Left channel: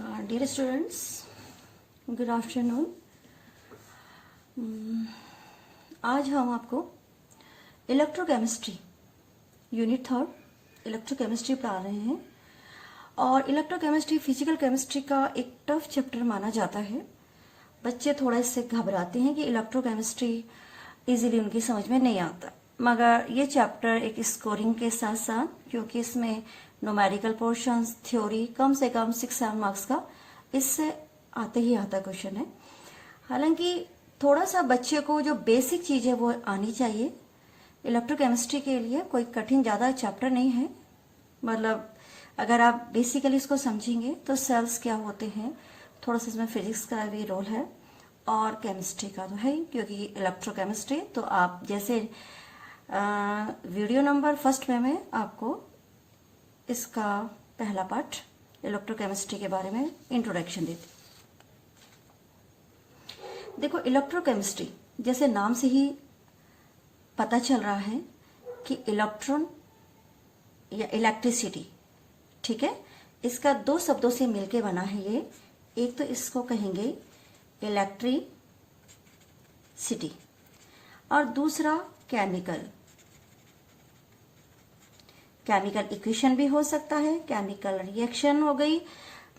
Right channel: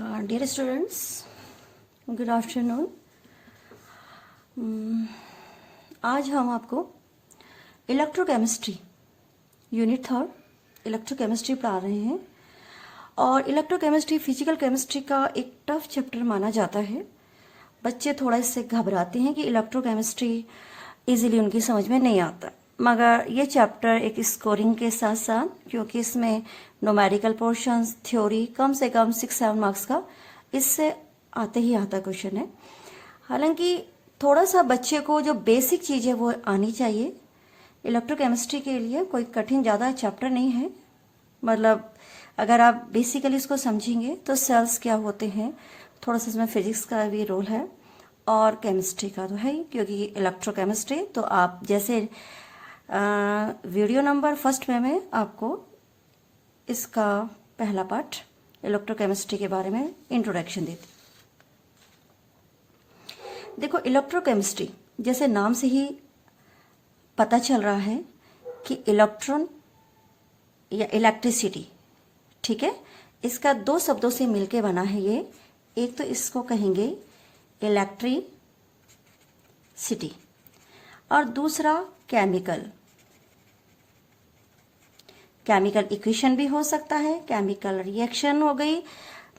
Dear students, good afternoon. आज हम आपको इलेक्ट्रोकेमिस्ट्री यूनिट 3 इलेक्ट्रोकेमिस्ट्री पढ़ा रहे हैं। और इलेक्ट्रोकेमिस्ट्री फिजिकल केमिस्ट्री का एक टफ चैप्टर माना जाता है। बच्चे थोड़ा इससे घबराते हैं कि इलेक्ट्रोकेमिस्ट्री इजीली उनकी समझ में नहीं आता, मगर ये चैप्टर एक स्कोरिंग के साथ साथ, क्योंकि इसमें न्यूमेरिकल पोर्शंस, थ्योरी कम से कम 6-7 मार्क्स का इससे आते ही आता क्वेश्चन है। हालांकि थोड़ा सा बच्चे को जो बेसिक चीजें वो आनी चाहिए। इलेक्ट्रोकेमिस्ट्री के लिए कोई कठिन ज्यादा चैप्टर नहीं है, मतलब अगर आप बेसिकली इसको समझेंगे तो सेल्स क्या होते हैं, थोड़ा सा इसमें फिजिक्स का भी रोल है और केमिस्ट्री का तो है ही, क्योंकि इलेक्ट्रोकेमिस्ट्री तो आप जैसे वीडियो नंबर 1 में आपको इसका पहला पार्ट इलेक्ट्रोकेमिस्ट्री के बारे में इंट्रोडक्शन देती। देखो, इलेक्ट्रोकेमिस्ट्री जैसे नाम से ही पता चल रहा है कि इलेक्ट्रॉन या इलेक्ट्रिसिटी, ठीक है, इसका 2 शब्दों से मिलके बना है ये। एक तो इसको कहेंगे इलेक्ट्रिसिटी और दूसरा केमिकल इक्वेशन भी हो सकता है, केमिकल रिएक्शन हो गई,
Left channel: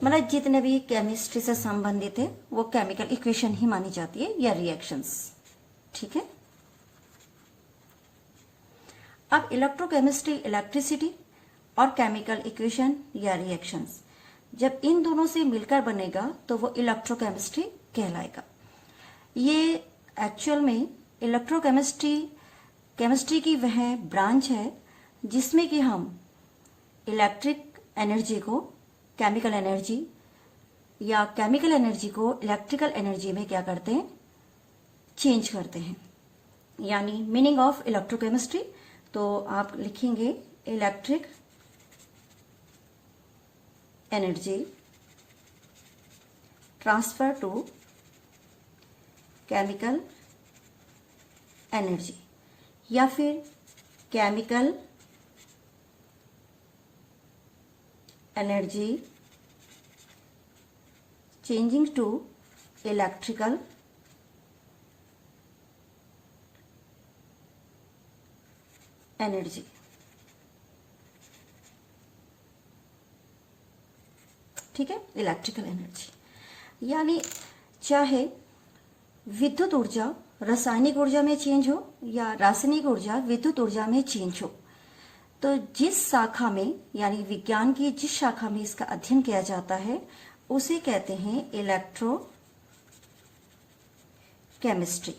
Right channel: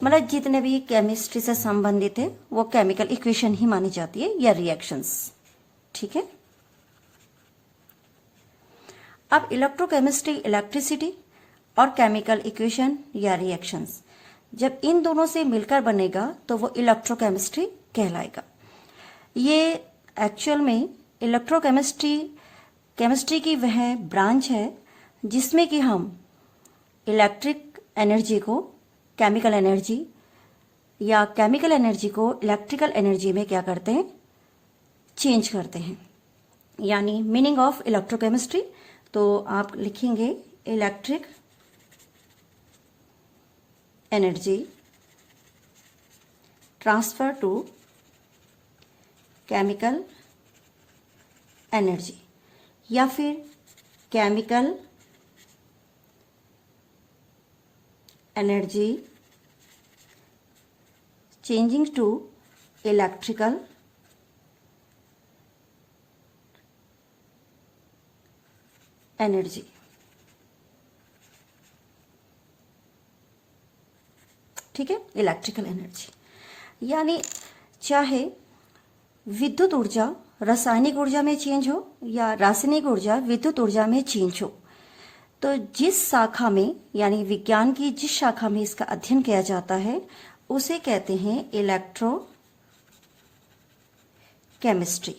मतलब जितने भी केमिस्ट्री से संबंधित है वो केमिकल इक्वेशन ही मानी जाती है या रिएक्शंस, ठीक है। अब इलेक्ट्रोकेमिस्ट्री इलेक्ट्रिसिटी और केमिकल इक्वेशन या रिएक्शंस जब इन दोनों से मिलकर बनेगा तो वो इलेक्ट्रोकेमिस्ट्री कहलाएगा। ये एक्चुअल में केमिस्ट्री की वह ब्रांच है जिसमें कि हम इलेक्ट्रिक एनर्जी को केमिकल एनर्जी या केमिकल एनर्जी को इलेक्ट्रिकल एनर्जी में क्या करते हैं, चेंज करते हैं। यानी मीनिंग ऑफ इलेक्ट्रोकेमिस्ट्री, तो आप लिखेंगे electric energy transfer to chemical energy या फिर chemical energy changing to electrical energy, ठीक है। इलेक्ट्रिकल एनर्जी यानी चाहे विद्युत ऊर्जा रासायनिक ऊर्जा में चेंज हो या रासायनिक ऊर्जा विद्युत ऊर्जा में चेंज हो, तो जिस शाखा में यानी विज्ञान की जिस शाखा में इसका अध्ययन किया जाता है उसे कहते हैं इलेक्ट्रो केमिस्ट्री।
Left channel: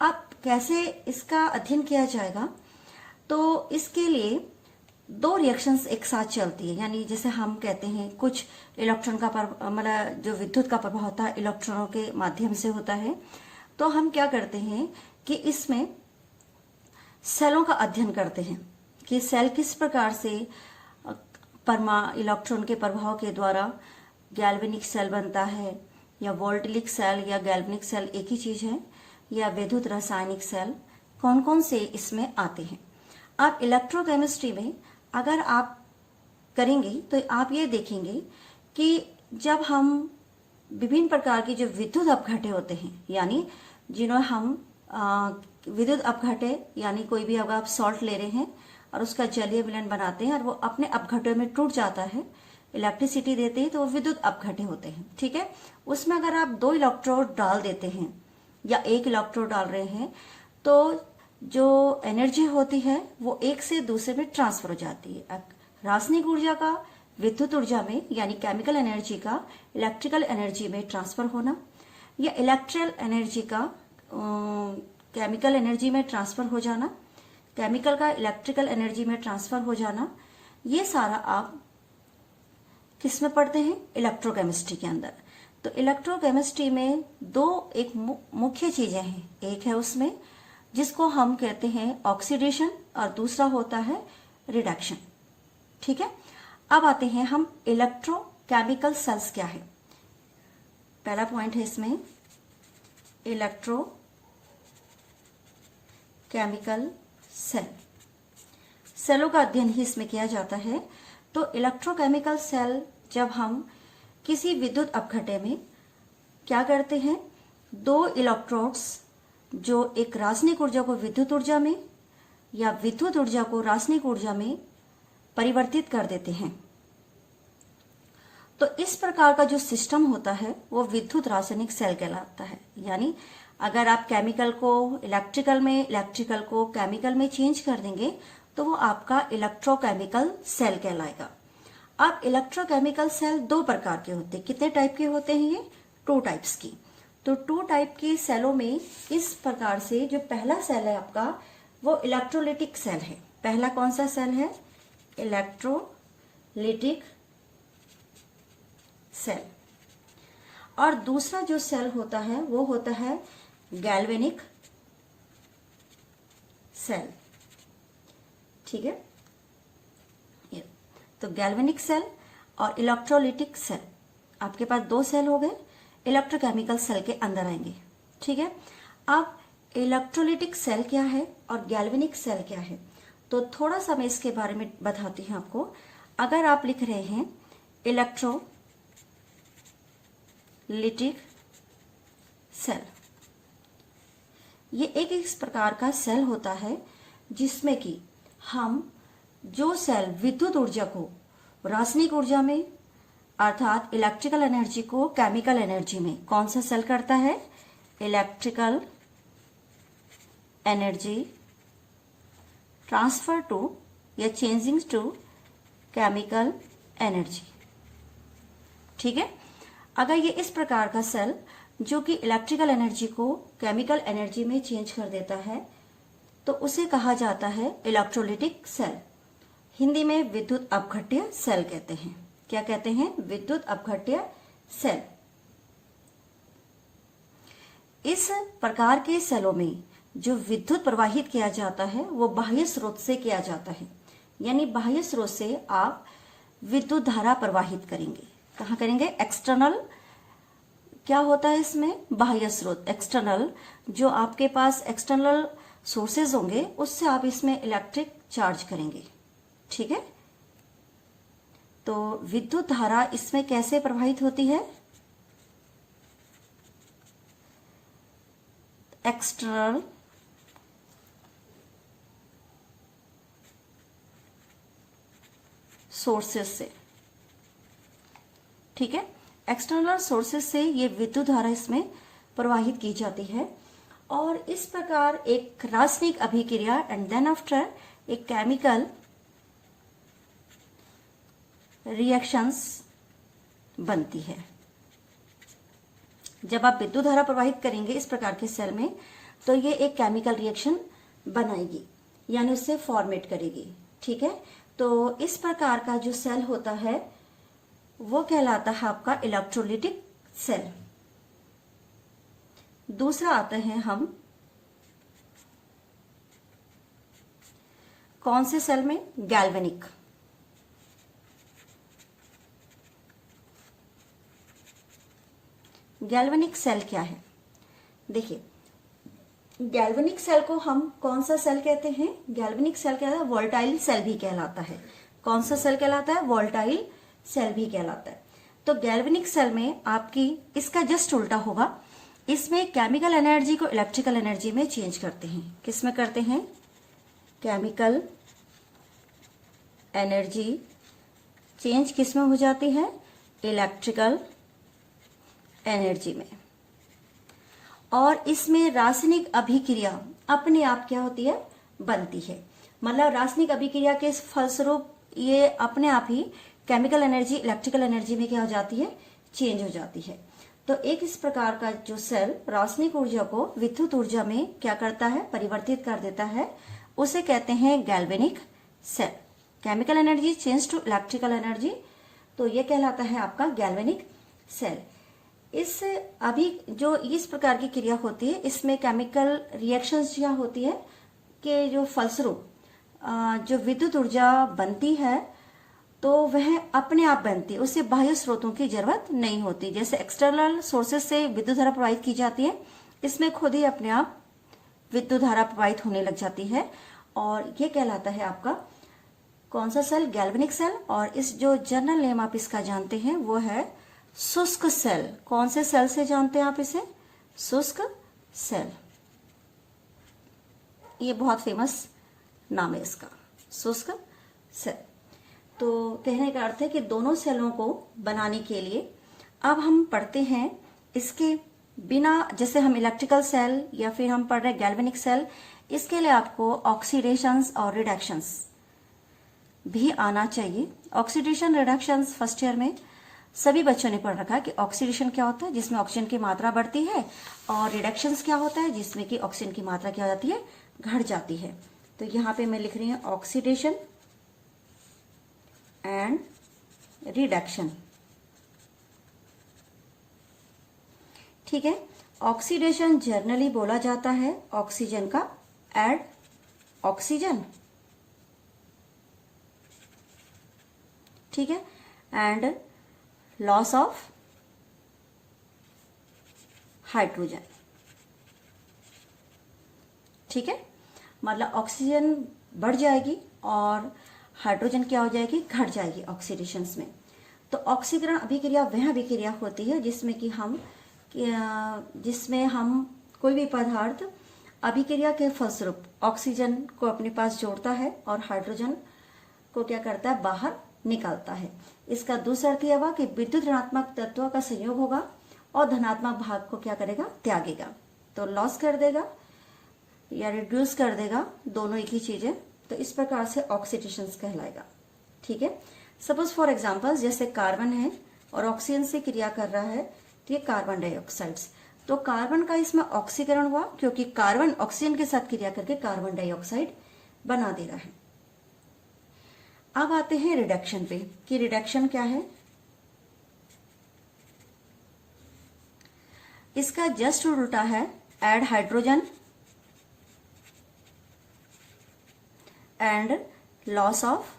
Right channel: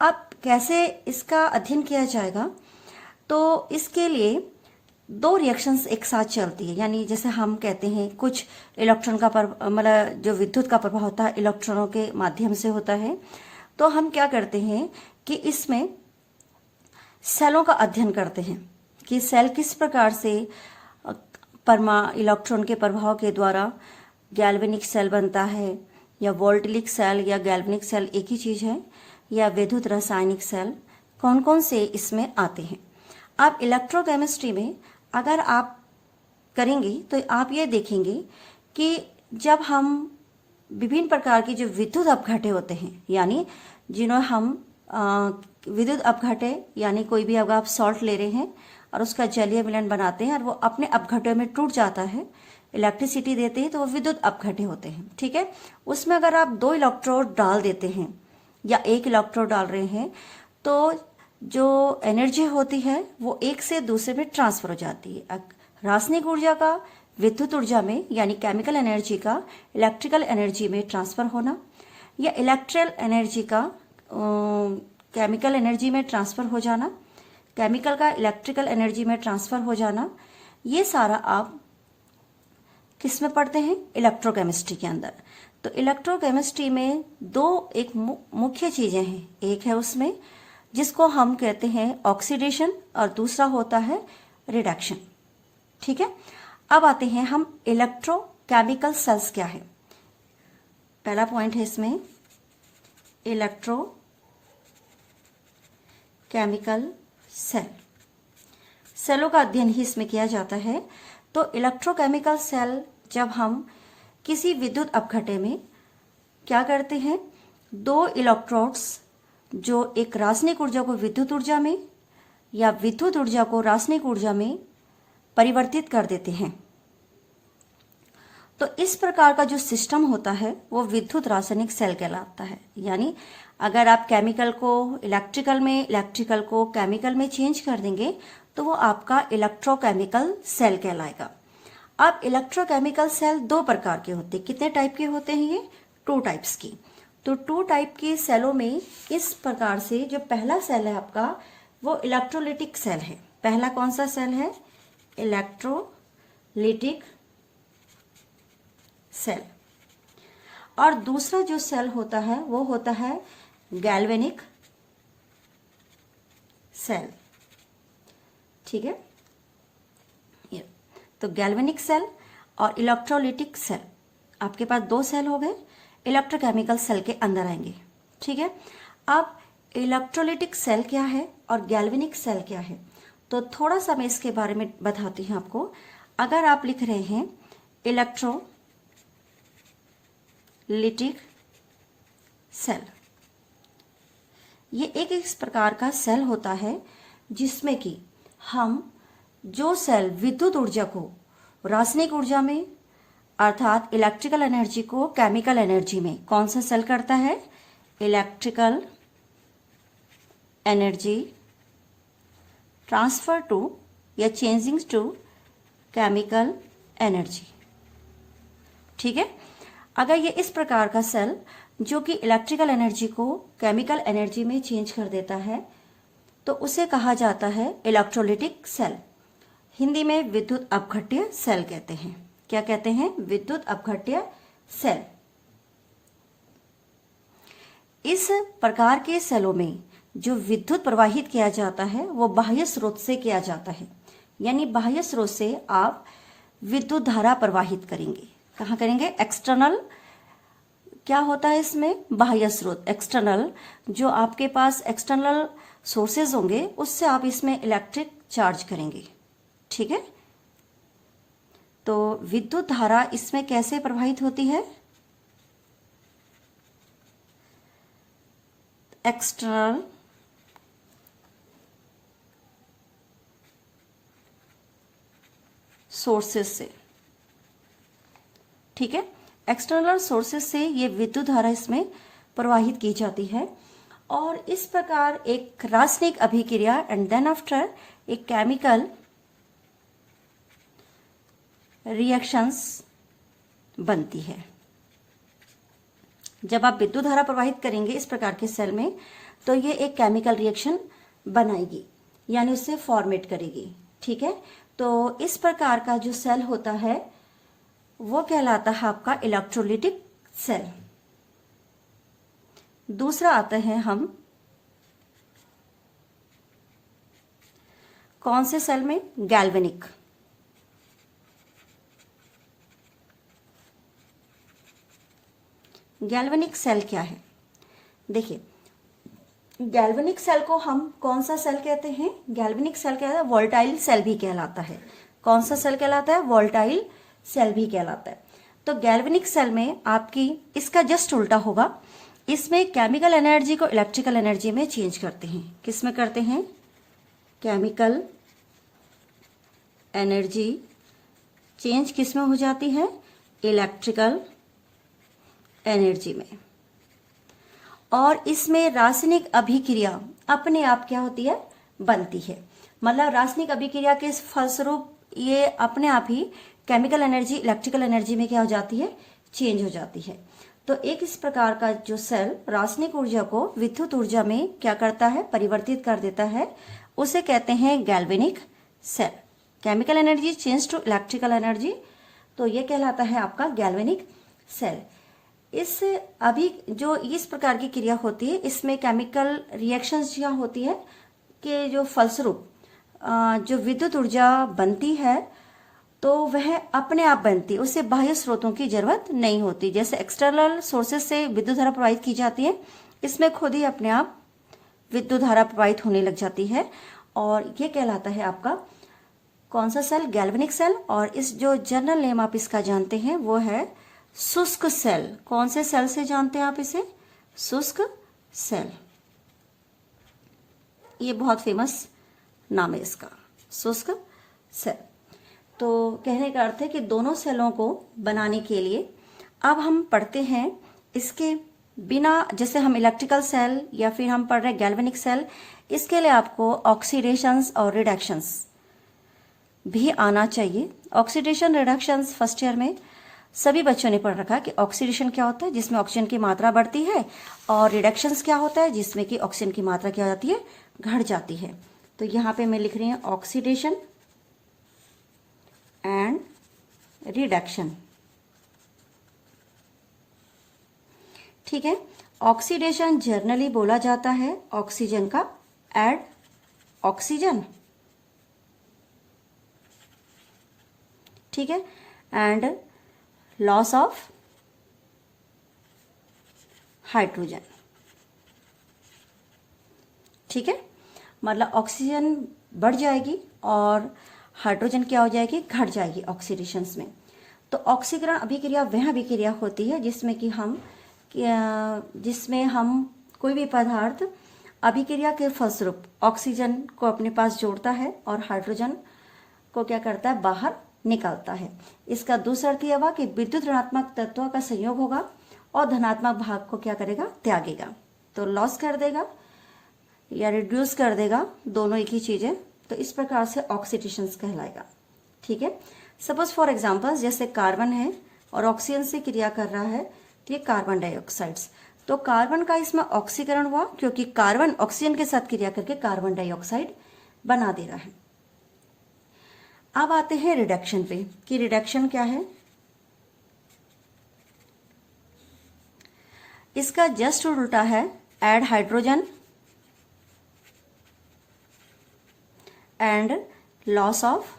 अब कैसे इसका अध्ययन किया जाएगा, तो इसके लिए 2 रिएक्शंस एक साथ चलती है। यानी जैसे हम कहते हैं कुछ इलेक्ट्रॉन का मतलब जो विद्युत का प्रभाव होता है इलेक्ट्रॉनों के माध्यम से होता है, तो हम क्या करते हैं कि इसमें सेलों का अध्ययन करते हैं कि सेल किस प्रकार से इलेक्ट्रॉन के प्रभाव के द्वारा गैल्वेनिक सेल बनता है, या वोल्टेलिक सेल या गैल्वेनिक सेल एक ही चीज है, या विद्युत रासायनिक सेल, कौन कौन से इसमें आते हैं। अब इलेक्ट्रोकेमिस्ट्री में अगर आप करेंगे तो आप ये देखेंगे कि जब हम विभिन्न प्रकार की जो विद्युत अपघटे होते हैं, यानी जिन्हें हम विद्युत अपघटे, यानी कोई भी अगर आप सॉल्ट ले रहे हैं और उसका जलीय मिलन बनाते हैं और वो अपने अपघटों में टूट जाता है, इलेक्ट्रिसिटी देते हैं, तो वो विद्युत अपघटे होते हैं, ठीक है। उसमें अगर आप 2 इलेक्ट्रोड डाल देते हैं या 1 इलेक्ट्रोड डाल रहे हैं, तो जो एनर्जी होती है वो एक से दूसरे में ट्रांसफर हो जाती है। रासायनिक ऊर्जा का विद्युत ऊर्जा में यानी केमिकल एनर्जी का इलेक्ट्रिकल एनर्जी में ट्रांसफर होना, या इलेक्ट्रिकल एनर्जी का केमिकल एनर्जी में ट्रांसफर हो जाना, केमिकल का इलेक्ट्रिकल एनर्जी में ट्रांसफर हो जाना, ये सारा आप किस में पढ़ते हैं, इलेक्ट्रोकेमिस्ट्री के अंदर। तो इलेक्ट्रोकेमिस्ट्री में 2 एक मुख्य चीजें हैं। एक है उसमें जिसको हम कहते हैं ऑक्सीडेशन और दूसरा होता है रिडक्शन, ठीक है। अब आते हैं हम इलेक्ट्रोकेमिकल सेल्स क्या है। पहला पॉइंट है इसमें इलेक्ट्रोकेमिकल सेल। सेलों का अध्ययन ही इसमें किया जाता है। तो इलेक्ट्रोकेमिकल सेल जब हम किसी विद्युत अपघट्य में क्या करते हैं, दो इलेक्ट्रोड्स जो एक रासायनिक ऊर्जा को विद्युत ऊर्जा में या विद्युत ऊर्जा को रासायनिक ऊर्जा में परिवर्तित कर देते हैं। तो इस प्रकार का जो सिस्टम होता है वो विद्युत रासायनिक सेल कहलाता है। यानी अगर आप केमिकल को इलेक्ट्रिकल में, इलेक्ट्रिकल को केमिकल में चेंज कर देंगे तो वो आपका इलेक्ट्रोकेमिकल सेल कहलाएगा। अब इलेक्ट्रोकेमिकल सेल दो प्रकार के होते हैं। कितने टाइप के होते हैं ये? 2 टाइप्स की। तो 2 टाइप के सेलों में इस प्रकार से जो पहला सेल है आपका वो इलेक्ट्रोलिटिक सेल है। पहला कौन सा सेल है? Electrolytic cell. और दूसरा जो सेल होता है वो होता है गैल्वेनिक सेल। ठीक है, ये तो गैल्वेनिक सेल और इलेक्ट्रोलिटिक सेल, आपके पास 2 सेल हो गए, इलेक्ट्रोकेमिकल सेल के अंदर आएंगे। ठीक है, अब इलेक्ट्रोलिटिक सेल क्या है और गैल्वेनिक सेल क्या है, तो थोड़ा सा मैं इसके बारे में बताती हूं आपको। अगर आप लिख रहे हैं इलेक्ट्रोलिटिक सेल, ये एक इस प्रकार का सेल होता है जिसमें कि हम जो सेल विद्युत ऊर्जा को रासायनिक ऊर्जा में अर्थात इलेक्ट्रिकल एनर्जी को केमिकल एनर्जी में, कौन सा सेल करता है? इलेक्ट्रिकल एनर्जी ट्रांसफर टू या चेंजिंग टू केमिकल एनर्जी। ठीक है, अगर ये इस प्रकार का सेल जो कि इलेक्ट्रिकल एनर्जी को केमिकल एनर्जी में चेंज कर देता है तो उसे कहा जाता है इलेक्ट्रोलिटिक सेल। हिंदी में विद्युत अपघट्य सेल कहते हैं। क्या कहते हैं? विद्युत अपघट्य सेल। इस प्रकार के सेलों में जो विद्युत प्रवाहित किया जाता है वो बाह्य स्रोत से किया जाता है। यानी बाह्य स्रोत से आप विद्युत धारा प्रवाहित करेंगे। कहाँ करेंगे? एक्सटर्नल। क्या होता है इसमें? बाह्य स्रोत, एक्सटर्नल। जो आपके पास एक्सटर्नल सोर्सेज होंगे उससे आप इसमें इलेक्ट्रिक चार्ज करेंगे। ठीक है, तो विद्युत धारा इसमें कैसे प्रवाहित होती है? एक्सटर्नल सोर्सेज से। ठीक है, एक्सटर्नल सोर्सेज से ये विद्युत धारा इसमें प्रवाहित की जाती है और इस प्रकार एक रासायनिक अभिक्रिया एंड देन आफ्टर एक केमिकल रिएक्शंस बनती है। जब आप विद्युत धारा प्रवाहित करेंगे इस प्रकार के सेल में तो ये एक केमिकल रिएक्शन बनाएगी, यानी उससे फॉर्मेट करेगी। ठीक है, तो इस प्रकार का जो सेल होता है वो कहलाता है आपका इलेक्ट्रोलिटिक सेल। दूसरा आते हैं हम कौन से सेल में? गैल्वेनिक। गैल्वेनिक सेल क्या है? देखिए, गैल्वेनिक सेल को हम कौन सा सेल कहते हैं? गैल्वेनिक सेल क्या है? वोल्टाइल सेल भी कहलाता है। कौन सा सेल कहलाता है? वोल्टाइल सेल भी कहलाता है। तो गैल्वेनिक सेल में आपकी इसका जस्ट उल्टा होगा। इसमें केमिकल एनर्जी को इलेक्ट्रिकल एनर्जी में चेंज करते हैं। किस में करते हैं? केमिकल एनर्जी चेंज किस में हो जाती है? इलेक्ट्रिकल एनर्जी में। और इसमें रासायनिक अभिक्रिया अपने आप क्या होती है? बनती है। मतलब रासायनिक अभिक्रिया के फलस्वरूप ये अपने आप ही केमिकल एनर्जी इलेक्ट्रिकल एनर्जी में क्या हो जाती है? चेंज हो जाती है। तो एक इस प्रकार का जो सेल रासायनिक ऊर्जा को विद्युत ऊर्जा में क्या करता है? परिवर्तित कर देता है, उसे कहते हैं galvanic cell. Chemical energy change to electrical energy, तो ये कहलाता है आपका गैल्वेनिक सेल। इस अभी जो इस प्रकार की क्रिया होती है इसमें केमिकल रिएक्शंस जो होती है कि जो फलस्वरूप जो विद्युत ऊर्जा बनती है तो वह अपने आप बनती है, उससे बाह्य स्रोतों की जरूरत नहीं होती। जैसे एक्सटर्नल सोर्सेज से विद्युत धारा प्रवाहित की जाती है, इसमें खुद ही अपने आप विद्युत धारा प्रवाहित होने लग जाती है और ये कहलाता है आपका कौन सा सेल? Galvanic cell. और इस जो जनरल नेम आप इसका जानते हैं वो है शुष्क सेल, कौन से सेल से जानते हैं आप इसे? शुष्क सेल, ये बहुत फेमस नाम है इसका, शुष्क सेल। तो कहने का अर्थ है कि दोनों सेलों को बनाने के लिए अब हम पढ़ते हैं इसके बिना, जैसे हम इलेक्ट्रिकल सेल या फिर हम पढ़ रहे गैल्वेनिक सेल, इसके लिए आपको ऑक्सीडेशंस और रिडक्शंस भी आना चाहिए। ऑक्सीडेशन रिडक्शंस फर्स्ट ईयर में सभी बच्चों ने पढ़ रखा है कि ऑक्सीडेशन क्या होता है, जिसमें ऑक्सीजन की मात्रा बढ़ती है, और रिडक्शंस क्या होता है, जिसमें कि ऑक्सीजन की मात्रा क्या हो जाती है, घट जाती है। तो यहां पे मैं लिख रही हूं ऑक्सीडेशन एंड रिडक्शन। ठीक है, ऑक्सीडेशन जनरली बोला जाता है ऑक्सीजन का एड ऑक्सीजन, ठीक है, एंड लॉस ऑफ हाइड्रोजन। ठीक है, मतलब ऑक्सीजन बढ़ जाएगी और हाइड्रोजन क्या हो जाएगी, घट जाएगी ऑक्सीडेशंस में। तो ऑक्सीकरण अभिक्रिया वह अभिक्रिया होती है जिसमें हम कोई भी पदार्थ अभिक्रिया के फलस्वरूप ऑक्सीजन को अपने पास जोड़ता है और हाइड्रोजन को क्या करता है, बाहर निकालता है। इसका दूसरा अर्थ यह हुआ कि विद्युत ऋणात्मक तत्वों का संयोग होगा और धनात्मक भाग को क्या करेगा, त्यागेगा। तो लॉस कर देगा या रिड्यूस कर देगा, दोनों एक ही चीज है। तो इस प्रकार से ऑक्सीडेशन कहलाएगा। ठीक है, सपोज फॉर एग्जांपल जैसे कार्बन है और ऑक्सीजन से क्रिया कर रहा है, तो ये कार्बन डाइऑक्साइड्स, तो कार्बन का इसमें ऑक्सीकरण हुआ क्योंकि कार्बन ऑक्सीजन के साथ क्रिया करके कार्बन डाइऑक्साइड बना दे रहा है। अब आते हैं रिडक्शन पे कि रिडक्शन क्या है। इसका जस्ट उल्टा है add hydrogen and loss of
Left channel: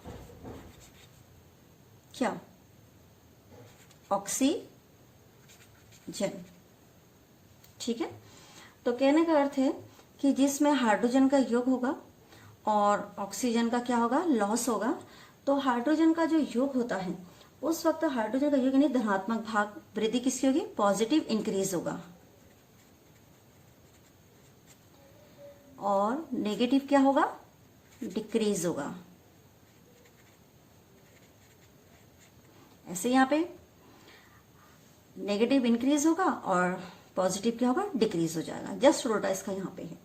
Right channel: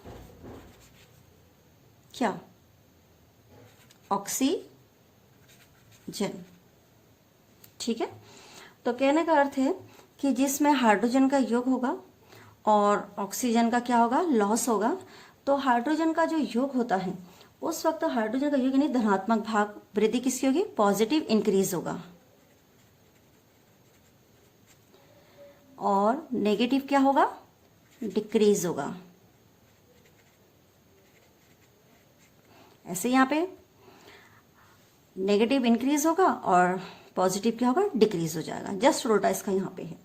क्या, ऑक्सीजन। ठीक है, तो कहने का अर्थ है कि जिसमें हाइड्रोजन का योग होगा और ऑक्सीजन का क्या होगा, लॉस होगा। तो हाइड्रोजन का जो योग होता है उस वक्त हाइड्रोजन का योग यानी धनात्मक भाग वृद्धि किसकी होगी, पॉजिटिव इंक्रीज होगा, और नेगेटिव क्या होगा, डिक्रीज होगा। ऐसे यहां पे नेगेटिव इंक्रीज होगा और पॉजिटिव क्या होगा, डिक्रीज हो जाएगा। जस्ट उल्टा इसका यहां पे है।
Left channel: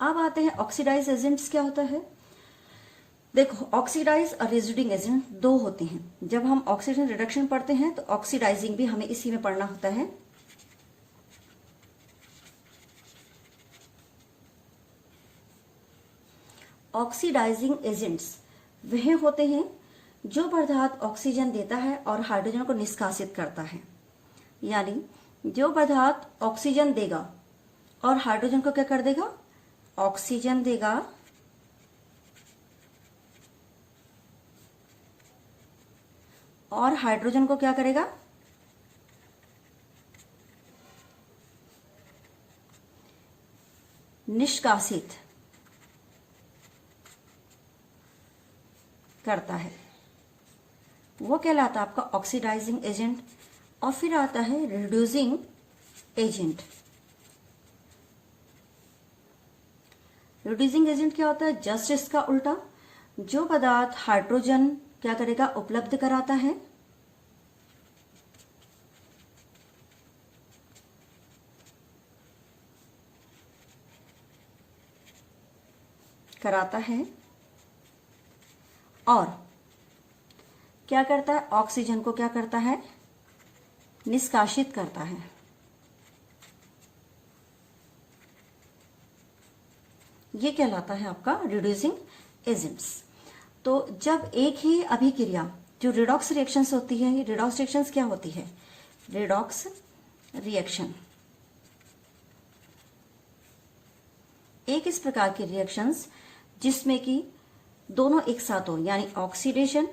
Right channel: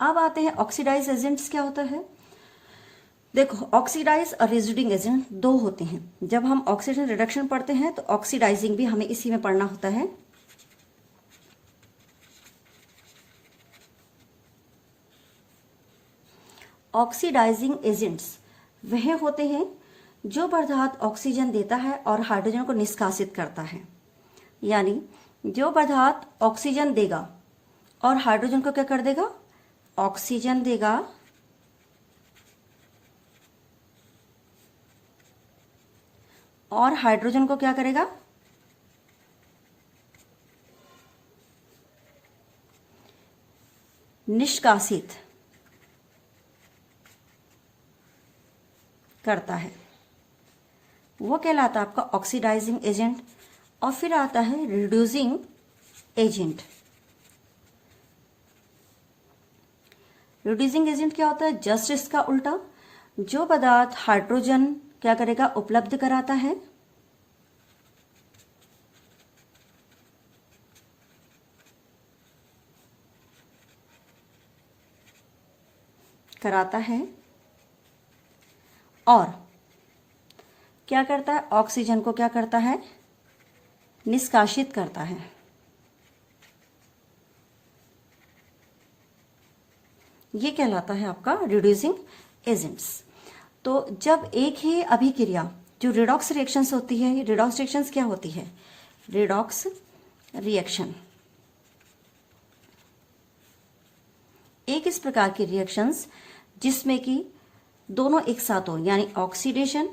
अब आते हैं ऑक्सीडाइज एजेंट्स क्या होता है। देखो, ऑक्सीडाइज और रेजिड्यूइंग एजेंट दो होते हैं। जब हम ऑक्सीडेशन रिडक्शन पढ़ते हैं तो ऑक्सीडाइजिंग भी हमें इसी में पढ़ना होता है। ऑक्सीडाइजिंग एजेंट्स वह होते हैं जो पदार्थ ऑक्सीजन देता है और हाइड्रोजन को निष्कासित करता है। यानी जो पदार्थ ऑक्सीजन देगा और हाइड्रोजन को क्या कर देगा, ऑक्सीजन देगा और हाइड्रोजन को क्या करेगा, निष्कासित करता है, वो कहलाता है आपका ऑक्सीडाइजिंग एजेंट। और फिर आता है रिड्यूसिंग एजेंट। रिड्यूसिंग एजेंट क्या होता है, जस्ट इसका उल्टा, जो पदार्थ हाइड्रोजन क्या करेगा, उपलब्ध कराता है, और क्या करता है, ऑक्सीजन को क्या करता है, निष्कासित करता है। ये कहलाता है आपका रिड्यूसिंग एजेंट्स। तो जब एक ही अभिक्रिया जो रिडॉक्स रिएक्शंस होती है, ये रिडॉक्स रिएक्शंस क्या होती है, रिडॉक्स रिएक्शन एक इस प्रकार की रिएक्शंस जिसमें कि दोनों एक साथ हो, यानी ऑक्सीडेशन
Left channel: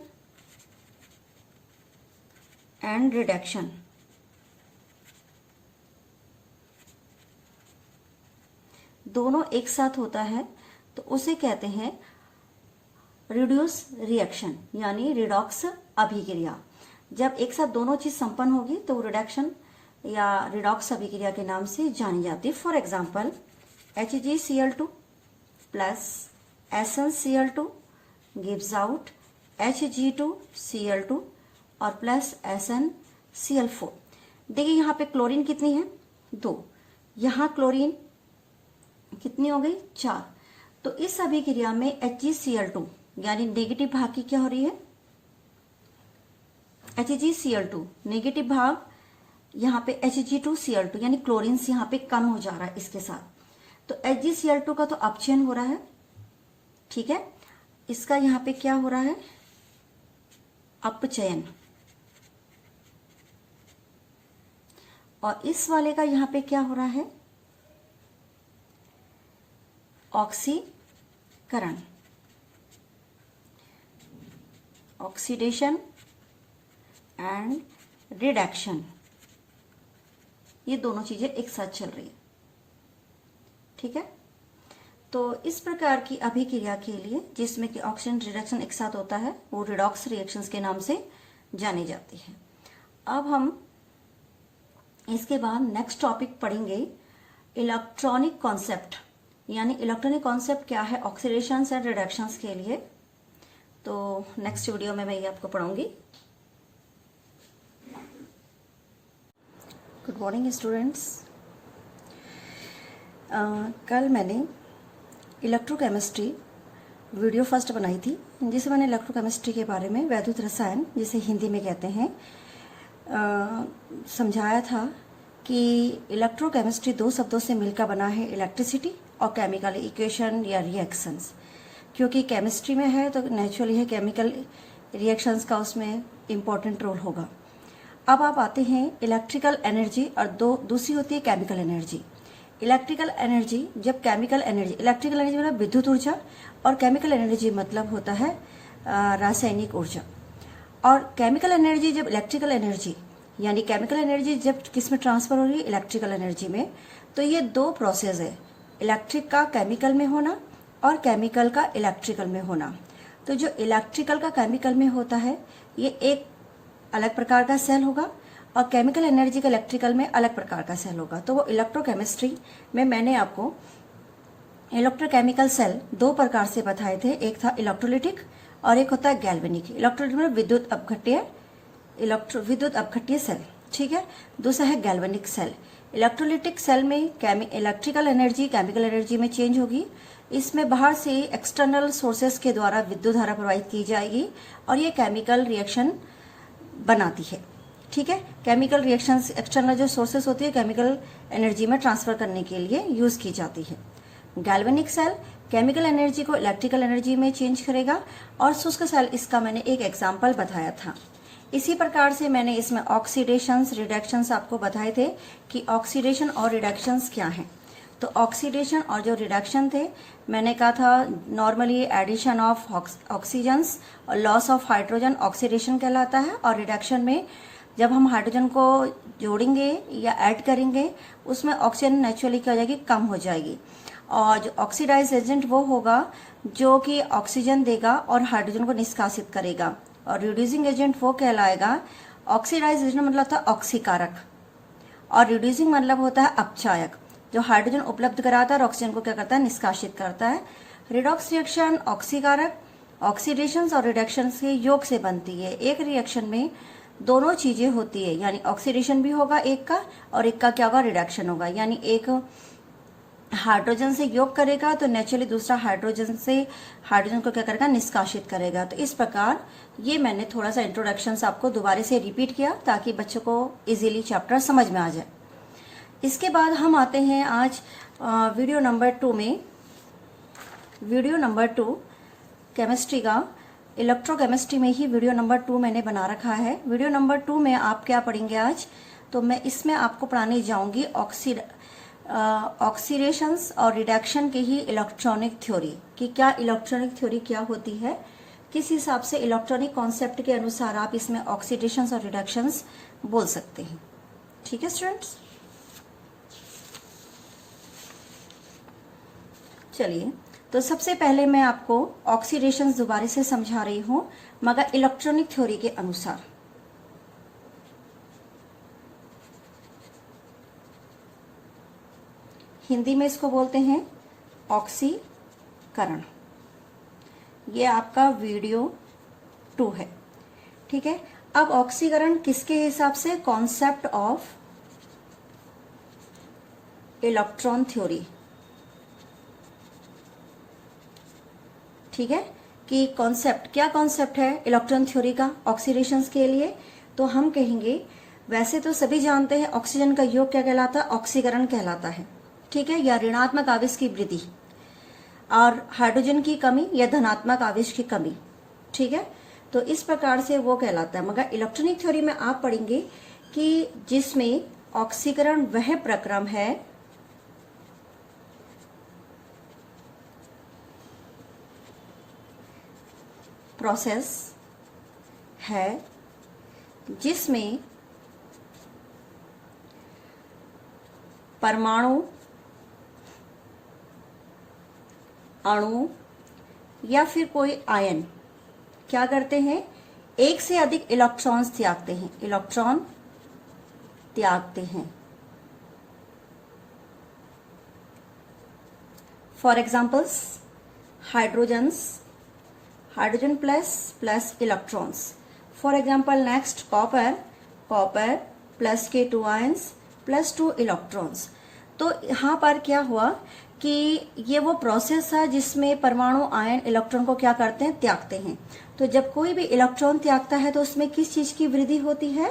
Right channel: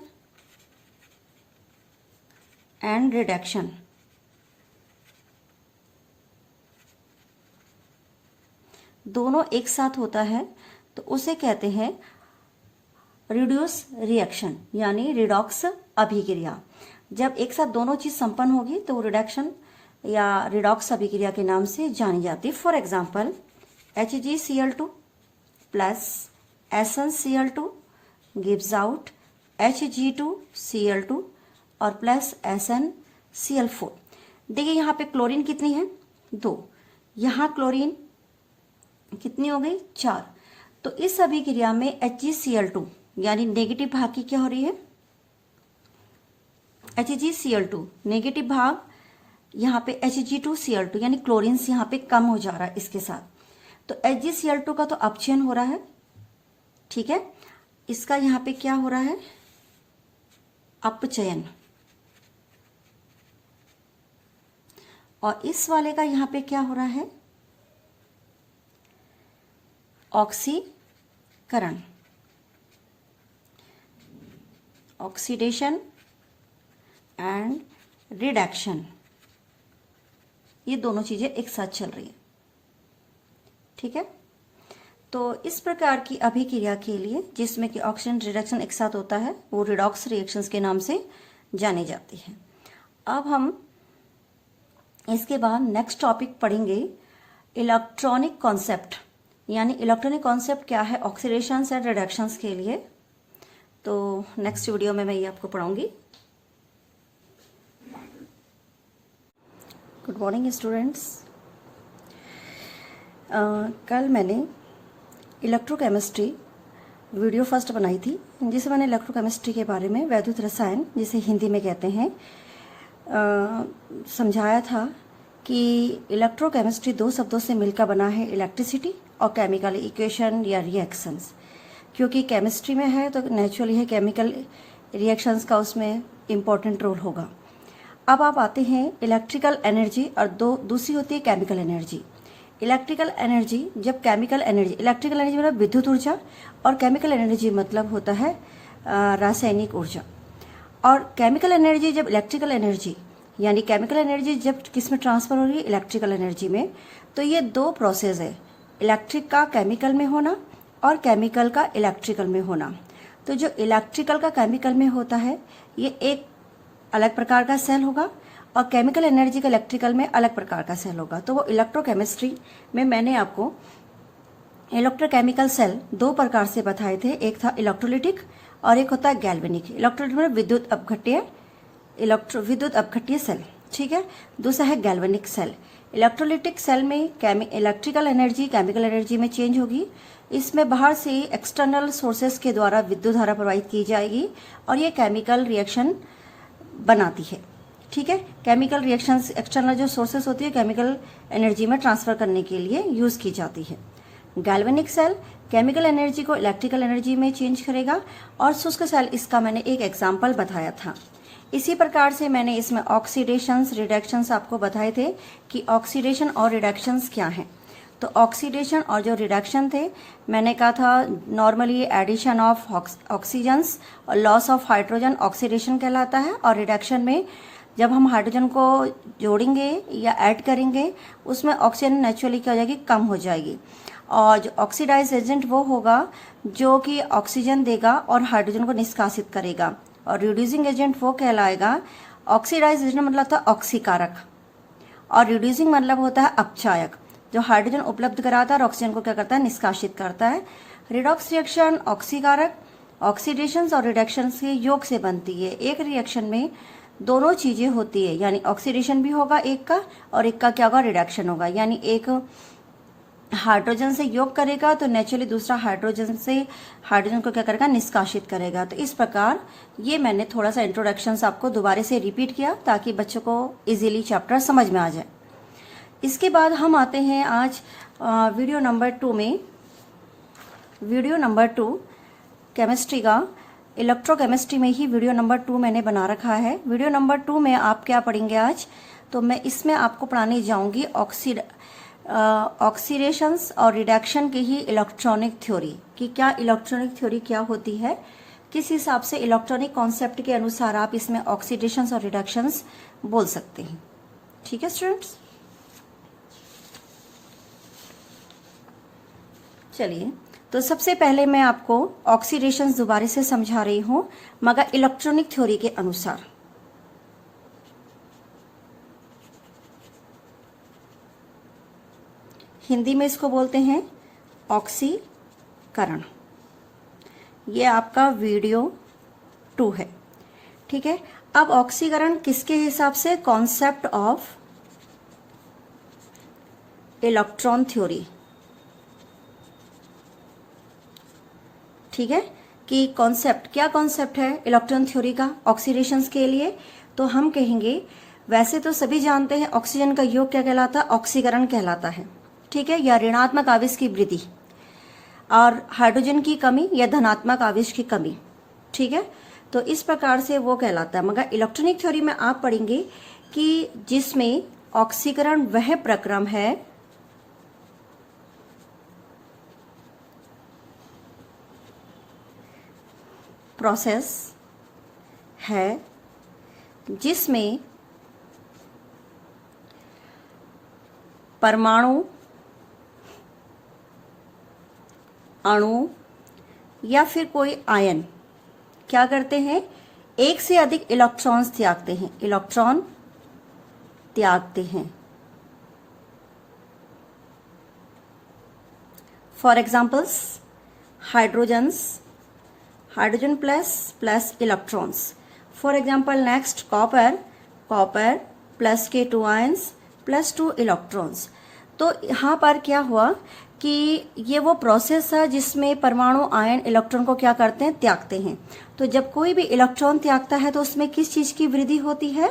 एंड रिडक्शन, दोनों एक साथ होता है, तो उसे कहते हैं रिड्यूस रिएक्शन यानी रिडॉक्स अभिक्रिया। जब एक साथ दोनों चीज संपन्न होगी तो रिडक्शन या रिडॉक्स अभिक्रिया के नाम से जानी जाती है। For example HgCl2 plus SnCl2 gives out Hg2Cl2 और प्लस SnCl4। देखिए यहाँ पे क्लोरीन कितनी है, 2, यहाँ क्लोरीन कितनी हो गई, 4। तो इस अभिक्रिया में HgCl2 यानी नेगेटिव भाग की क्या हो रही है, HgCl2 नेगेटिव भाग, यहाँ पे Hg2Cl2 यानी क्लोरीन यहाँ पे कम हो जा रहा है इसके साथ। तो HgCl2 का तो अपचयन हो रहा है, ठीक है, इसका यहाँ पे क्या हो रहा है, अपचयन, और इस वाले का यहाँ पे क्या हो रहा है, ऑक्सीकरण, ऑक्सीडेशन एंड रिडक्शन, ये दोनों चीजें एक साथ चल रही है, ठीक है। तो इस प्रकार की अभिक्रिया के लिए जिसमें कि ऑक्सीजन रिडक्शन एक साथ होता है वो रिडॉक्स रिएक्शंस के नाम से जानी जाती है। अब हम इसके बाद नेक्स्ट टॉपिक पढ़ेंगे इलेक्ट्रॉनिक कॉन्सेप्ट, यानी इलेक्ट्रॉनिक कॉन्सेप्ट क्या है ऑक्सीडेशंस एंड रिडक्शंस के लिए। तो नेक्स्ट वीडियो में मैं ये आपको पढ़ाऊंगी। Good morning students. कल मैंने इलेक्ट्रोकेमिस्ट्री वीडियो फर्स्ट बनाई थी, जिसे मैंने इलेक्ट्रोकेमिस्ट्री के बारे में, वैद्युत रसायन जिसे हिंदी में कहते हैं, समझाया था कि इलेक्ट्रोकेमिस्ट्री 2 शब्दों से मिलकर बना है, इलेक्ट्रिसिटी और केमिकल इक्वेशन या रिएक्शंस। क्योंकि केमिस्ट्री में है तो नेचुरली है केमिकल रिएक्शंस का उसमें इम्पोर्टेंट रोल होगा। अब आप आते हैं इलेक्ट्रिकल एनर्जी और दूसरी होती है केमिकल एनर्जी। इलेक्ट्रिकल एनर्जी जब केमिकल एनर्जी, इलेक्ट्रिकल एनर्जी मतलब विद्युत ऊर्जा और केमिकल एनर्जी मतलब होता है रासायनिक ऊर्जा। और केमिकल एनर्जी जब इलेक्ट्रिकल एनर्जी यानी केमिकल एनर्जी जब किस में ट्रांसफर हो रही है, इलेक्ट्रिकल एनर्जी में, तो ये 2 प्रोसेस है, इलेक्ट्रिक का केमिकल में होना और केमिकल का इलेक्ट्रिकल में होना। तो जो इलेक्ट्रिकल का केमिकल में होता है ये एक अलग प्रकार का सेल होगा और केमिकल एनर्जी का इलेक्ट्रिकल में अलग प्रकार का सेल होगा। तो वो इलेक्ट्रोकेमिस्ट्री में मैंने आपको इलेक्ट्रोकेमिकल सेल 2 प्रकार से बताए थे, एक था इलेक्ट्रोलिटिक और एक होता है गैल्वेनिक। इलेक्ट्रोलिटिक मतलब विद्युत अपघट्य सेल, ठीक है। दूसरा है गैल्वेनिक सेल। इलेक्ट्रोलिटिक सेल में इलेक्ट्रिकल एनर्जी केमिकल एनर्जी में चेंज होगी, इसमें बाहर से एक्सटर्नल सोर्सेस के द्वारा विद्युत धारा प्रवाहित की जाएगी और ये केमिकल रिएक्शन बनाती है, ठीक है। केमिकल रिएक्शंस एक्सटर्नल जो सोर्सेस होती है केमिकल एनर्जी में ट्रांसफर करने के लिए यूज की जाती है। गैल्वेनिक सेल केमिकल एनर्जी को इलेक्ट्रिकल एनर्जी में चेंज करेगा और शुष्क सेल, इसका मैंने एक एग्जांपल बताया था। इसी प्रकार से मैंने इसमें ऑक्सीडेशंस रिडक्शंस आपको बताए थे कि ऑक्सीडेशन और रिडक्शंस क्या हैं। तो ऑक्सीडेशन और जो रिडक्शन थे मैंने कहा था नॉर्मली एडिशन ऑफ ऑक्सीजन्स और लॉस ऑफ हाइड्रोजन ऑक्सीडेशन कहलाता है, और रिडक्शन में जब हम हाइड्रोजन को जोड़ेंगे या ऐड करेंगे उसमें ऑक्सीजन नेचुरली क्या हो जाएगी, कम हो जाएगी। और जो ऑक्सीडाइज एजेंट वो होगा जो कि ऑक्सीजन देगा और हाइड्रोजन को निष्कासित करेगा, और रिड्यूसिंग एजेंट वो कहलाएगा, ऑक्सीडाइज एजेंट मतलब होता है ऑक्सीकारक और रिड्यूसिंग मतलब होता है अपचायक, जो हाइड्रोजन उपलब्ध कराता है और ऑक्सीजन को क्या करता है, निष्कासित करता है। रिडॉक्स रिएक्शन ऑक्सीकारक, ऑक्सीडेशन और रिडक्शन के योग से बनती है। एक रिएक्शन में दोनों चीजें होती है, यानी ऑक्सीडेशन भी होगा एक का और एक का क्या होगा, रिडक्शन होगा। यानी एक हाइड्रोजन से योग करेगा तो नेचुरली दूसरा हाइड्रोजन को क्या करेगा, निष्कासित करेगा। तो इस प्रकार ये मैंने थोड़ा सा इंट्रोडक्शन आपको दोबारा से रिपीट किया ताकि बच्चों को इजीली चैप्टर समझ में आ जाए। इसके बाद हम आते हैं आज वीडियो नंबर 2 में। वीडियो नंबर 2 केमिस्ट्री का, इलेक्ट्रोकेमिस्ट्री में ही वीडियो नंबर 2 मैंने बना रखा है। वीडियो नंबर 2 में आप क्या पढ़ेंगे आज, तो मैं इसमें आपको पढ़ाने जाऊंगी ऑक्सीडेशंस और रिडक्शन की ही इलेक्ट्रॉनिक थ्योरी कि क्या इलेक्ट्रॉनिक थ्योरी क्या होती है, किस हिसाब से इलेक्ट्रॉनिक कॉन्सेप्ट के अनुसार आप इसमें ऑक्सीडेशंस और रिडक्शंस बोल सकते हैं। ठीक है स्टूडेंट्स, चलिए तो सबसे पहले मैं आपको ऑक्सीडेशंस दोबारा से समझा रही हूं, मगर इलेक्ट्रॉनिक थ्योरी के अनुसार। हिंदी में इसको बोलते हैं ऑक्सीकरण। ये आपका वीडियो 2 है, ठीक है। अब ऑक्सीकरण किसके हिसाब से? कॉन्सेप्ट ऑफ इलेक्ट्रॉन थ्योरी, ठीक है। कि कॉन्सेप्ट, क्या कॉन्सेप्ट है इलेक्ट्रॉन थ्योरी का ऑक्सीडेशंस के लिए? तो हम कहेंगे, वैसे तो सभी जानते हैं ऑक्सीजन का योग क्या कहलाता है? ऑक्सीकरण कहलाता है, ठीक है, या ऋणात्मक आवेश की वृद्धि, और हाइड्रोजन की कमी या धनात्मक आवेश की कमी, ठीक है। तो इस प्रकार से वो कहलाता है। मगर इलेक्ट्रॉनिक थ्योरी में आप पढ़ेंगे कि जिसमें ऑक्सीकरण वह प्रक्रम है प्रोसेस है जिसमें परमाणु, अणु या फिर कोई आयन क्या करते हैं? एक से अधिक इलेक्ट्रॉन्स त्यागते हैं, इलेक्ट्रॉन त्यागते हैं। For examples, hydrogen plus electrons. For example next copper plus के 2 आयंस प्लस 2 इलेक्ट्रॉन्स। तो यहां पर क्या हुआ कि ये वो प्रोसेस है जिसमें परमाणु, आयन, इलेक्ट्रॉन को क्या करते हैं? त्यागते हैं। तो जब कोई भी इलेक्ट्रॉन त्यागता है तो उसमें किस चीज की वृद्धि होती है?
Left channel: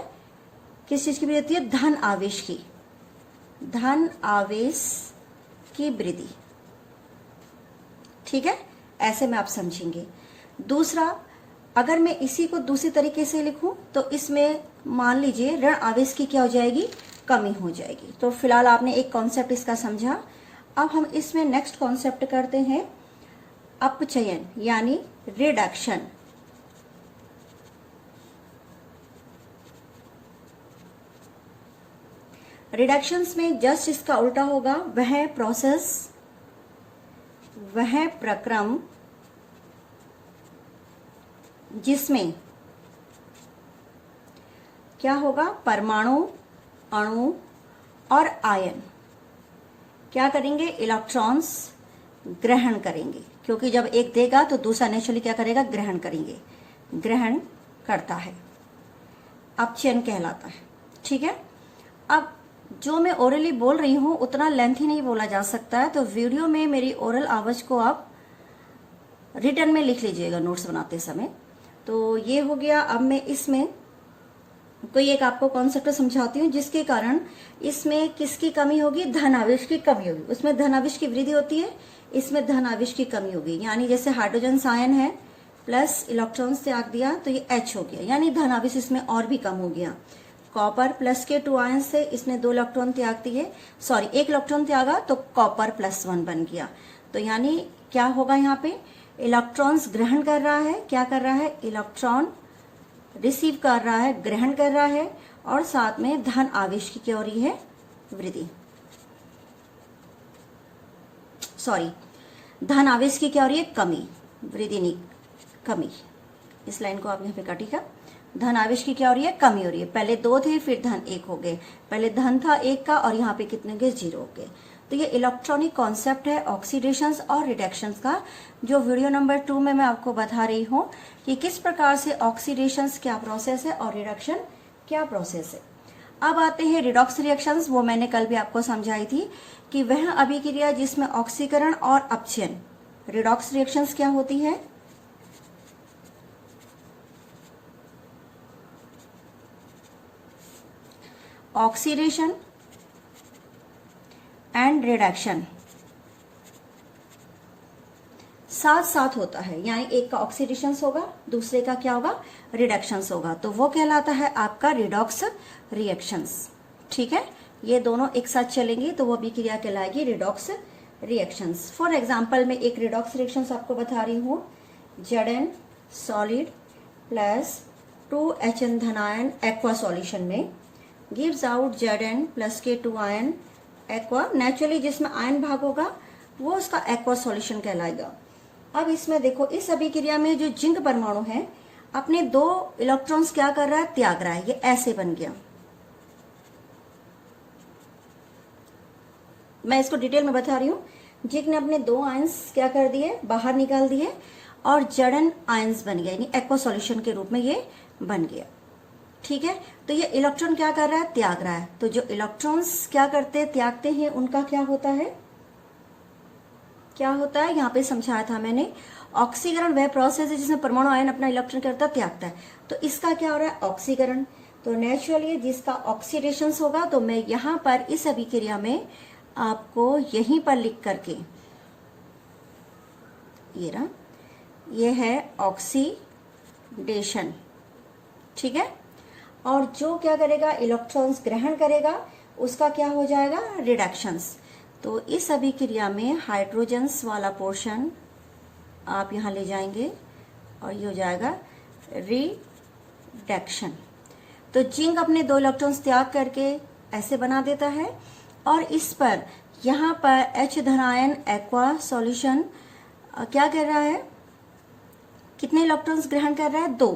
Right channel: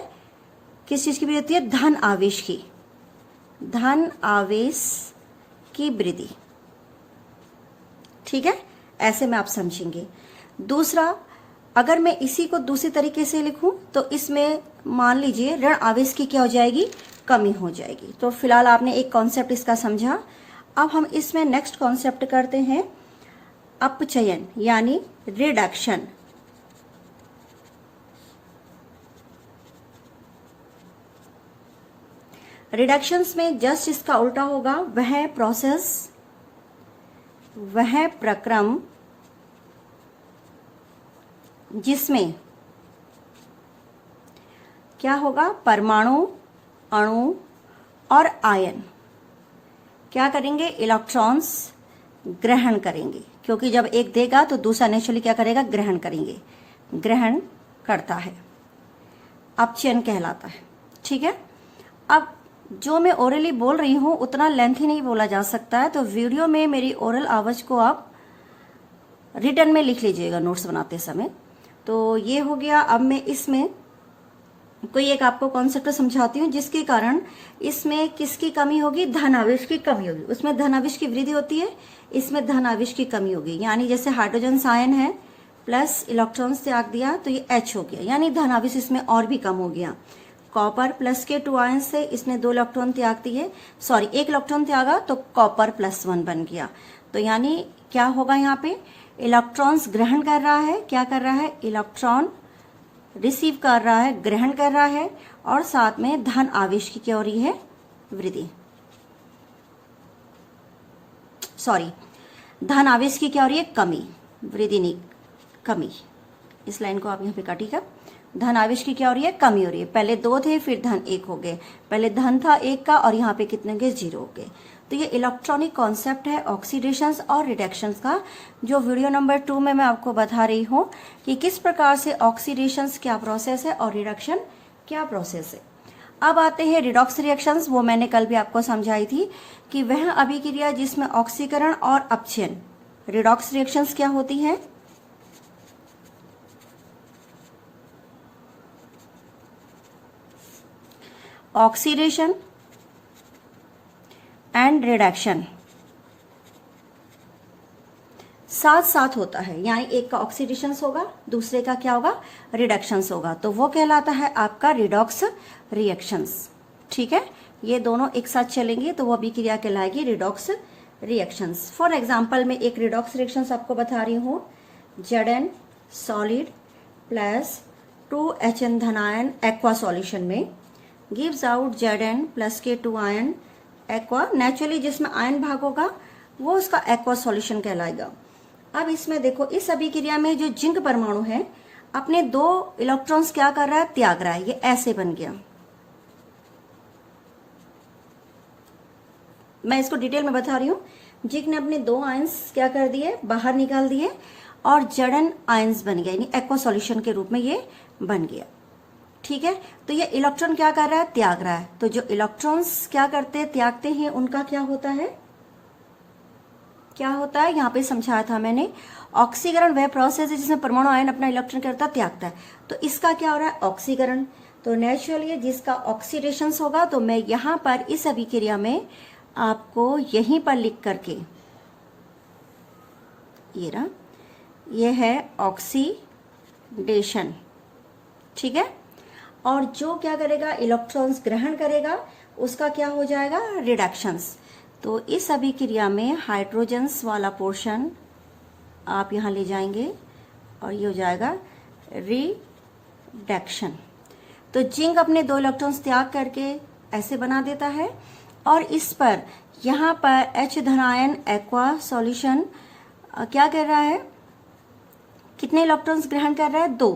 किस चीज की वृद्धि होती है? धन आवेश की, धन आवेश की वृद्धि, ठीक है। ऐसे में आप समझेंगे। दूसरा, अगर मैं इसी को दूसरी तरीके से लिखूं तो इसमें मान लीजिए ऋण आवेश की क्या हो जाएगी? कमी हो जाएगी। तो फिलहाल आपने एक कॉन्सेप्ट इसका समझा। अब हम इसमें नेक्स्ट कॉन्सेप्ट करते हैं अपचयन यानी रिडक्शन। रिडक्शंस में जस्ट इसका उल्टा होगा, वह प्रोसेस, वह प्रक्रम जिसमें क्या होगा? परमाणु, अणु और आयन क्या करेंगे? इलेक्ट्रॉन्स ग्रहण करेंगे, क्योंकि जब एक देगा तो दूसरा नेचुरली क्या करेगा? ग्रहण करेंगे, ग्रहण करता है, अपचयन कहलाता है, ठीक है। अब जो मैं ओरली बोल रही हूं उतना लेंथी नहीं बोला जा सकता है, तो वीडियो में मेरी ओरल आवाज को आप रिटर्न में लिख लीजिएगा नोट्स बनाते समय। तो ये हो गया। अब मैं इसमें कोई एक आपको कॉन्सेप्ट समझाती हूँ जिसके कारण इसमें किसकी कमी होगी? धन आवेश की कमी होगी। उसमें धन आवेश की वृद्धि होती है, इसमें धन आवेश की कमी होगी। यानी जैसे हाइड्रोजन आयन है प्लस इलेक्ट्रॉन्स त्याग दिया तो ये H हो गया, यानी धन आवेश इसमें और भी कम हो गया। कॉपर प्लस के 2 आयन से इसने 2 इलेक्ट्रॉन त्याग दिए, सॉरी 1 इलेक्ट्रॉन त्यागा तो कॉपर +1 बन गया। तो यानी क्या होगा? यहाँ पे इलेक्ट्रॉन्स ग्रहण कर रहा है, क्या कर रहा है? इलेक्ट्रॉन रिसीव कर रहा है, ग्रहण कर रहा है, और साथ में धन आवेश की क्या हो रही है? वृद्धि, सॉरी धन आवेश की क्या हो रही है? कमी, वृद्धि नहीं कमी। इस लाइन को आप यहाँ पे काटी कर, धन आवेश की क्या हो रही है? कमी हो रही है। पहले 2 थे फिर धन 1 हो गए, पहले धन था 1 का और यहाँ पे कितने गए? 0 हो गए। तो ये इलेक्ट्रॉनिक कॉन्सेप्ट है ऑक्सीडेशंस और रिडक्शंस का, जो वीडियो नंबर 2 में मैं आपको बता रही हूँ कि किस प्रकार से ऑक्सीडेशंस क्या प्रोसेस है और रिडक्शन क्या प्रोसेस है। अब आते हैं रिडॉक्स रिएक्शंस। वो मैंने कल भी आपको समझाई थी कि वह अभिक्रिया जिसमें ऑक्सीकरण और अपचयन, रिडॉक्स रिएक्शंस क्या होती है? ऑक्सीडेशन एंड रिडक्शन साथ साथ होता है, यानी एक का ऑक्सीडेशन होगा, दूसरे का क्या होगा? रिडक्शंस होगा। तो वो कहलाता है आपका रिडॉक्स रिएक्शंस, ठीक है। ये दोनों एक साथ चलेंगे तो वो अभिक्रिया कहलाएगी रिडॉक्स रिएक्शंस। फॉर एग्जांपल मैं एक रिडॉक्स रिएक्शंस आपको बता रही हूँ। Zn सॉलिड प्लस 2HN धनायन एक्वा सॉल्यूशन में गिव्स आउट Zn प्लस के 2 आयन एक्वा। नेचुरली जिसमें आयन भाग होगा वो उसका एक्वा सॉल्यूशन कहलाएगा। अब इसमें देखो, इस अभिक्रिया में जो जिंक परमाणु है अपने 2 इलेक्ट्रॉन्स क्या कर रहा है? त्याग रहा है। ये ऐसे बन गया, मैं इसको डिटेल में बता रही हूँ। जिंक ने अपने 2 आयंस क्या कर दिए, बाहर निकाल दिए और जड़न आयंस बन गया, यानी एक्वा सॉल्यूशन के रूप में ये बन गया। ठीक है, तो ये इलेक्ट्रॉन क्या कर रहा है, त्याग रहा है। तो जो इलेक्ट्रॉन्स क्या करते हैं, त्यागते हैं, उनका क्या होता है, क्या होता है, यहाँ पे समझाया था मैंने। ऑक्सीकरण वह प्रोसेस है जिसमें परमाणु आयन अपना इलेक्ट्रॉन करता त्यागता है। तो इसका क्या हो रहा है, ऑक्सीकरण। तो नेचुरली जिसका ऑक्सीडेशन होगा, तो मैं यहाँ पर इस अभिक्रिया में आपको यहीं पर लिख करके, ये रहा, ये है ऑक्सीडेशन। ठीक है, और जो क्या करेगा, इलेक्ट्रॉन्स ग्रहण करेगा, उसका क्या हो जाएगा, रिडक्शंस। तो इस अभिक्रिया में हाइड्रोजन्स वाला पोर्शन आप यहां ले जाएंगे और ये हो जाएगा रिडक्शन। तो जिंक अपने 2 इलेक्ट्रॉन्स त्याग करके ऐसे बना देता है, और इस पर यहां पर H धनायन एक्वा सॉल्यूशन क्या कर रहा है, कितने इलेक्ट्रॉन्स ग्रहण कर रहा है, 2।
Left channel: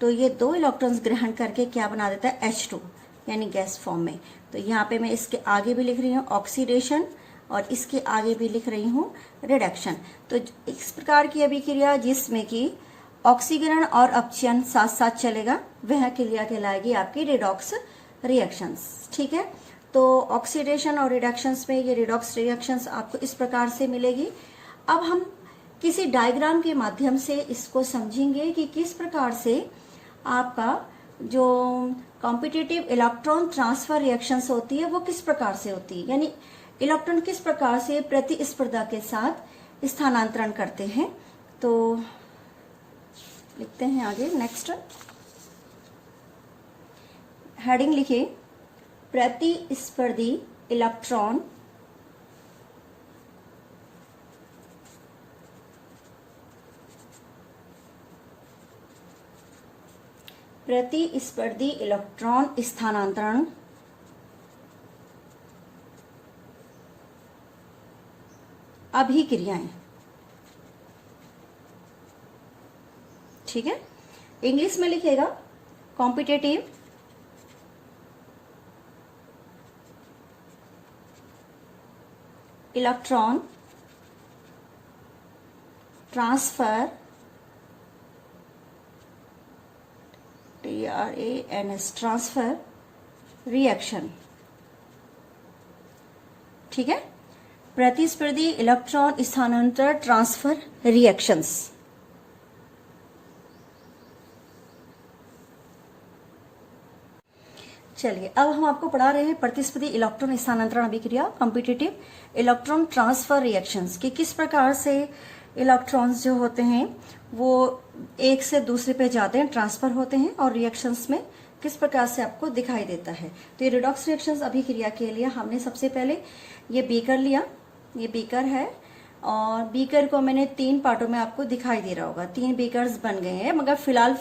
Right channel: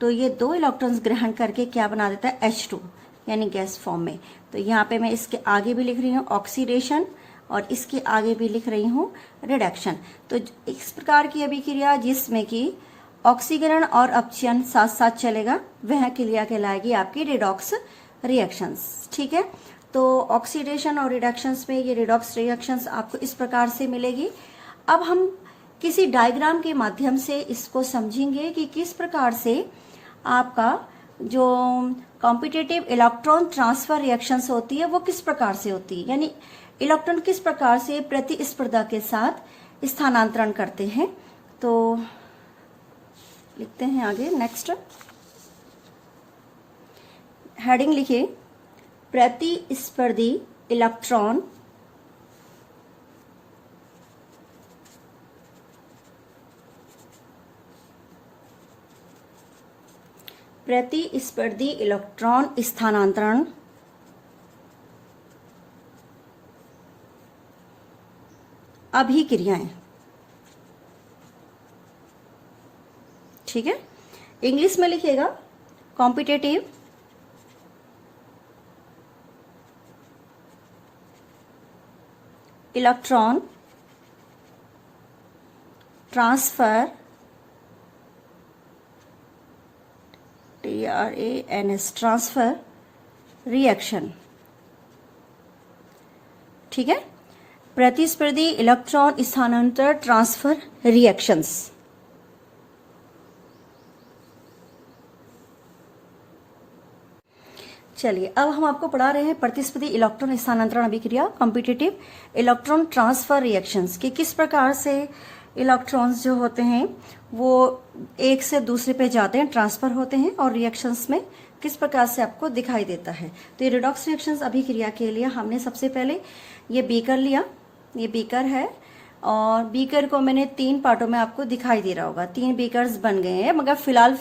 तो ये 2 इलेक्ट्रॉन्स ग्रहण करके क्या बना देता है, H2, यानी गैस फॉर्म में। तो यहाँ पे मैं इसके आगे भी लिख रही हूँ ऑक्सीडेशन और इसके आगे भी लिख रही हूँ रिडक्शन। तो इस प्रकार की अभिक्रिया जिसमें कि ऑक्सीकरण और अपचयन साथ साथ चलेगा, वह क्रिया कहलाएगी आपकी रिडॉक्स रिएक्शंस। ठीक है, तो ऑक्सीडेशन और रिडक्शंस में ये रिडॉक्स रिएक्शंस आपको इस प्रकार से मिलेगी। अब हम किसी डायग्राम के माध्यम से इसको समझेंगे कि किस प्रकार से आपका जो कॉम्पिटिटिव इलेक्ट्रॉन ट्रांसफर रिएक्शंस होती है वो किस प्रकार से होती है, यानी इलेक्ट्रॉन किस प्रकार से प्रतिस्पर्धा के साथ स्थानांतरण करते हैं। तो लिखते हैं आगे, नेक्स्ट हेडिंग लिखिए, प्रतिस्पर्धी इलेक्ट्रॉन प्रतिस्पर्धी इलेक्ट्रॉन स्थानांतरण अभिक्रियाएं। ठीक है, इंग्लिश में लिखिएगा competitive electron transfer TRANS transfer reaction. ठीक है, प्रतिस्पर्धी इलेक्ट्रॉन स्थानांतरण ट्रांसफर रिएक्शंस। चलिए, अब हम आपको पढ़ा रहे हैं प्रतिस्पर्धी इलेक्ट्रॉन स्थानांतरण अभिक्रिया, कॉम्पिटिटिव इलेक्ट्रॉन ट्रांसफर रिएक्शंस, कि किस प्रकार से इलेक्ट्रॉन्स जो होते हैं वो एक से दूसरे पे जाते हैं, ट्रांसफर होते हैं, और रिएक्शंस में किस प्रकार से आपको दिखाई देता है। तो ये रिडॉक्स रिएक्शंस अभिक्रिया के लिए हमने सबसे पहले ये बीकर लिया, ये बीकर है, और बीकर को मैंने 3 पार्टों में आपको दिखाई दे रहा होगा, 3 बीकर्स बन गए हैं, मगर फिलहाल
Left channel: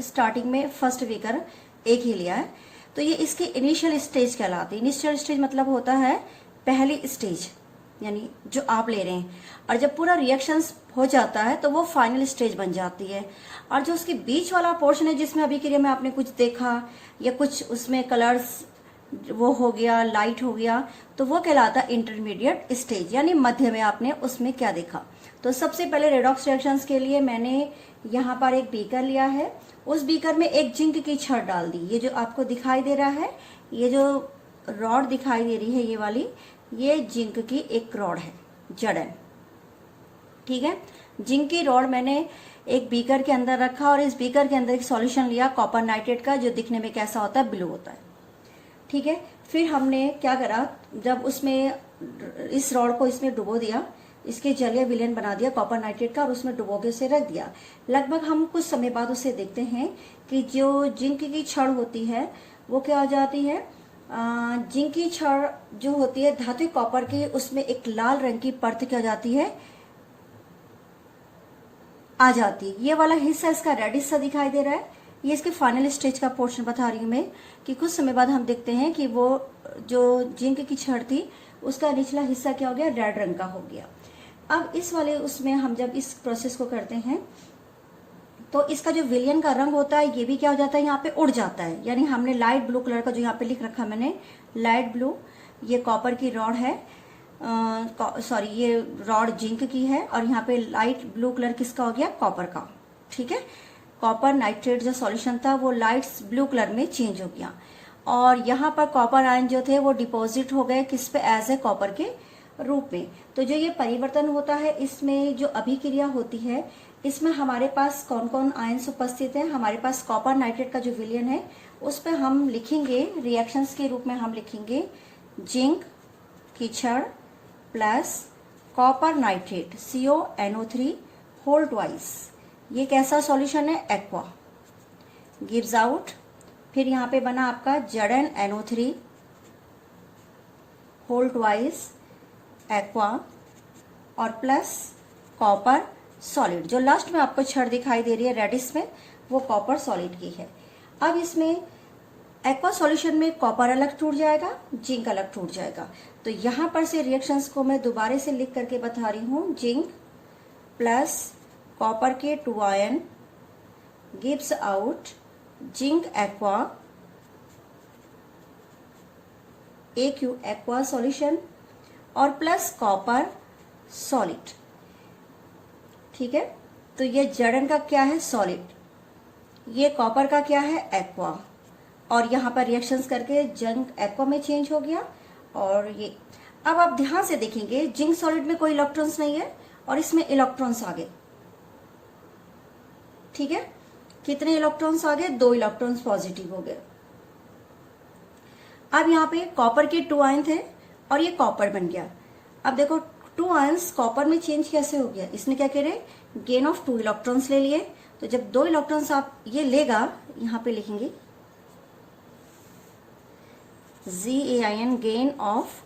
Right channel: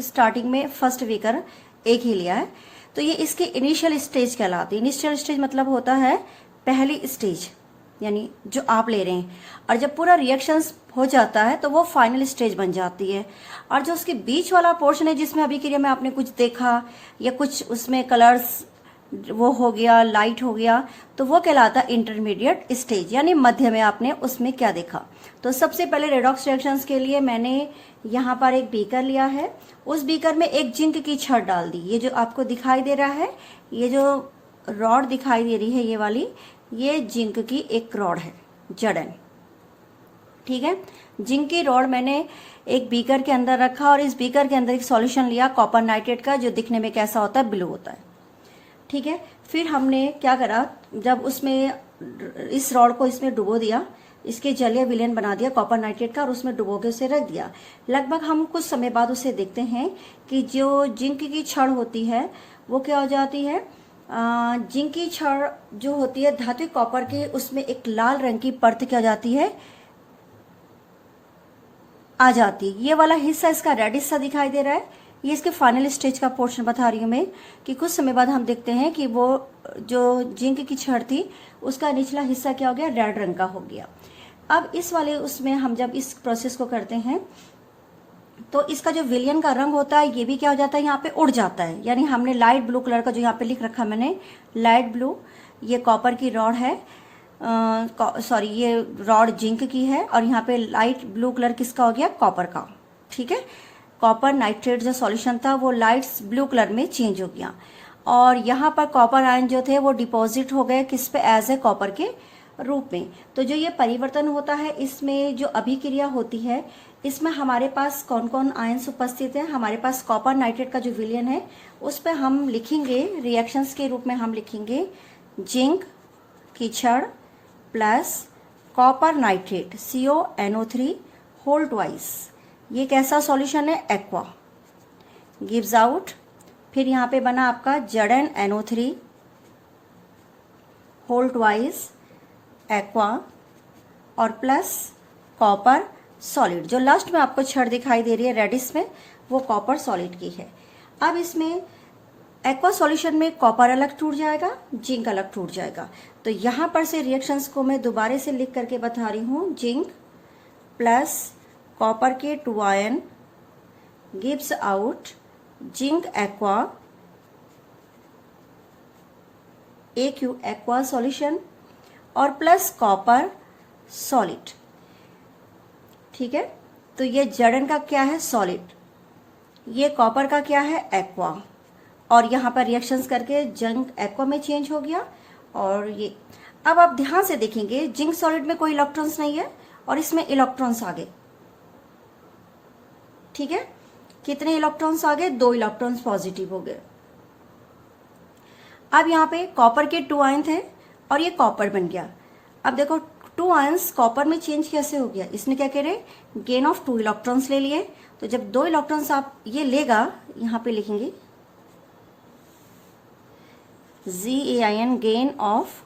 स्टार्टिंग में फर्स्ट बीकर एक ही लिया है। तो ये इसके इनिशियल स्टेज कहलाती है। इनिशियल स्टेज मतलब होता है पहली स्टेज, यानी जो आप ले रहे हैं, और जब पूरा रिएक्शंस हो जाता है तो वो फाइनल स्टेज बन जाती है। और जो उसके बीच वाला पोर्शन है जिसमें अभिक्रिया में आपने कुछ देखा या कुछ उसमें कलर्स वो हो गया, लाइट हो गया, तो वो कहलाता है इंटरमीडिएट स्टेज, यानी मध्य में आपने उसमें क्या देखा। तो सबसे पहले रेडॉक्स रिएक्शंस के लिए मैंने यहाँ पर एक बीकर लिया है, उस बीकर में एक जिंक की छड़ डाल दी। ये जो आपको दिखाई दे रहा है, ये जो रॉड दिखाई दे रही है ये वाली, ये जिंक की एक रॉड है, जड़न। ठीक है, जिंक की रॉड मैंने एक बीकर के अंदर रखा और इस बीकर के अंदर एक सॉल्यूशन लिया कॉपर नाइट्रेट का, जो दिखने में कैसा होता है, ब्लू होता है। ठीक है, फिर हमने क्या करा, जब उसमें इस रॉड को इसमें डुबो दिया, इसके जलीय विलयन बना दिया कॉपर नाइट्रेट का, और उसमें डुबो के उसे रख दिया। लगभग हम कुछ समय बाद उसे देखते हैं कि जो जिंक की छड़ होती है वो क्या हो जाती है, जिंक की छड़ जो होती है धात्विक कॉपर की, उसमें एक लाल रंग की परत क्या जाती है, आ जाती। ये वाला हिस्सा इसका रेड हिस्सा दिखाई दे रहा है, ये इसके फाइनल स्टेज का पोर्शन बता रही हूं मैं, कि कुछ समय बाद हम देखते हैं कि वो जो जिंक की छड़ थी उसका निचला हिस्सा क्या हो गया, रेड रंग का हो गया। अब इस वाले उसमें हम जब इस प्रोसेस को करते हैं तो इसका जो विलयन का रंग होता है ये भी क्या हो जाता है, यहाँ पे उड़ जाता है। यानी हमने लाइट ब्लू कलर का जो यहाँ पे लिख रखा मैंने, लाइट ब्लू, ये कॉपर की रॉड है, सॉरी ये रॉड जिंक की है, और यहाँ पे लाइट ब्लू कलर किसका हो गया, कॉपर का। ठीक है, कॉपर नाइट्रेट जो सॉल्यूशन था वो लाइट ब्लू कलर में चेंज हो गया, और यहाँ पर कॉपर आयन जो थे वो डिपॉजिट हो गए किस पे, एज ए कॉपर के रूप में। तो जो ये परिवर्तन होता है, इसमें जो अभिक्रिया होती है, इसमें हमारे पास कौन कौन आयन्स उपस्थित है। हमारे पास कॉपर नाइट्रेट का जो विलयन है उस पर हम लिखेंगे रिएक्शंस के रूप में, हम लिखेंगे जिंक की क्षण plus copper nitrate CONO3 whole twice. ये कैसा सॉल्यूशन है, एक्वा, गिव्स आउट। फिर यहाँ पे बना आपका ZnNO3 होल ट्वाइस एक्वा और प्लस कॉपर सॉलिड। जो लास्ट में आपको छड़ दिखाई दे रही है रेडिश में, वो कॉपर सॉलिड की है। अब इसमें एक्वा सॉल्यूशन में कॉपर अलग टूट जाएगा, जिंक अलग टूट जाएगा। तो यहां पर से रिएक्शंस को मैं दोबारा से लिख करके बता रही हूं, जिंक प्लस कॉपर के 2 ion gives out zinc aqua AQ aqua solution और प्लस कॉपर सॉलिड। ठीक है, तो ये Zn का क्या है, सॉलिड, ये कॉपर का क्या है, एक्वा, और यहां पर रिएक्शंस करके जिंक एक्वा में चेंज हो गया। और ये अब आप ध्यान से देखेंगे, जिंक सॉलिड में कोई इलेक्ट्रॉन्स नहीं है और इसमें इलेक्ट्रॉन्स आ गए। ठीक है, कितने इलेक्ट्रॉन्स आ गए, 2 इलेक्ट्रॉन्स पॉजिटिव हो गए। अब यहाँ पे कॉपर के 2 आयन थे और ये कॉपर बन गया। अब देखो 2 आयन्स कॉपर में चेंज कैसे हो गया, इसने क्या करे, गेन ऑफ 2 इलेक्ट्रॉन्स ले लिए। तो जब 2 इलेक्ट्रॉन्स आप ये लेगा, यहाँ पे लिखेंगे ZAIN गेन ऑफ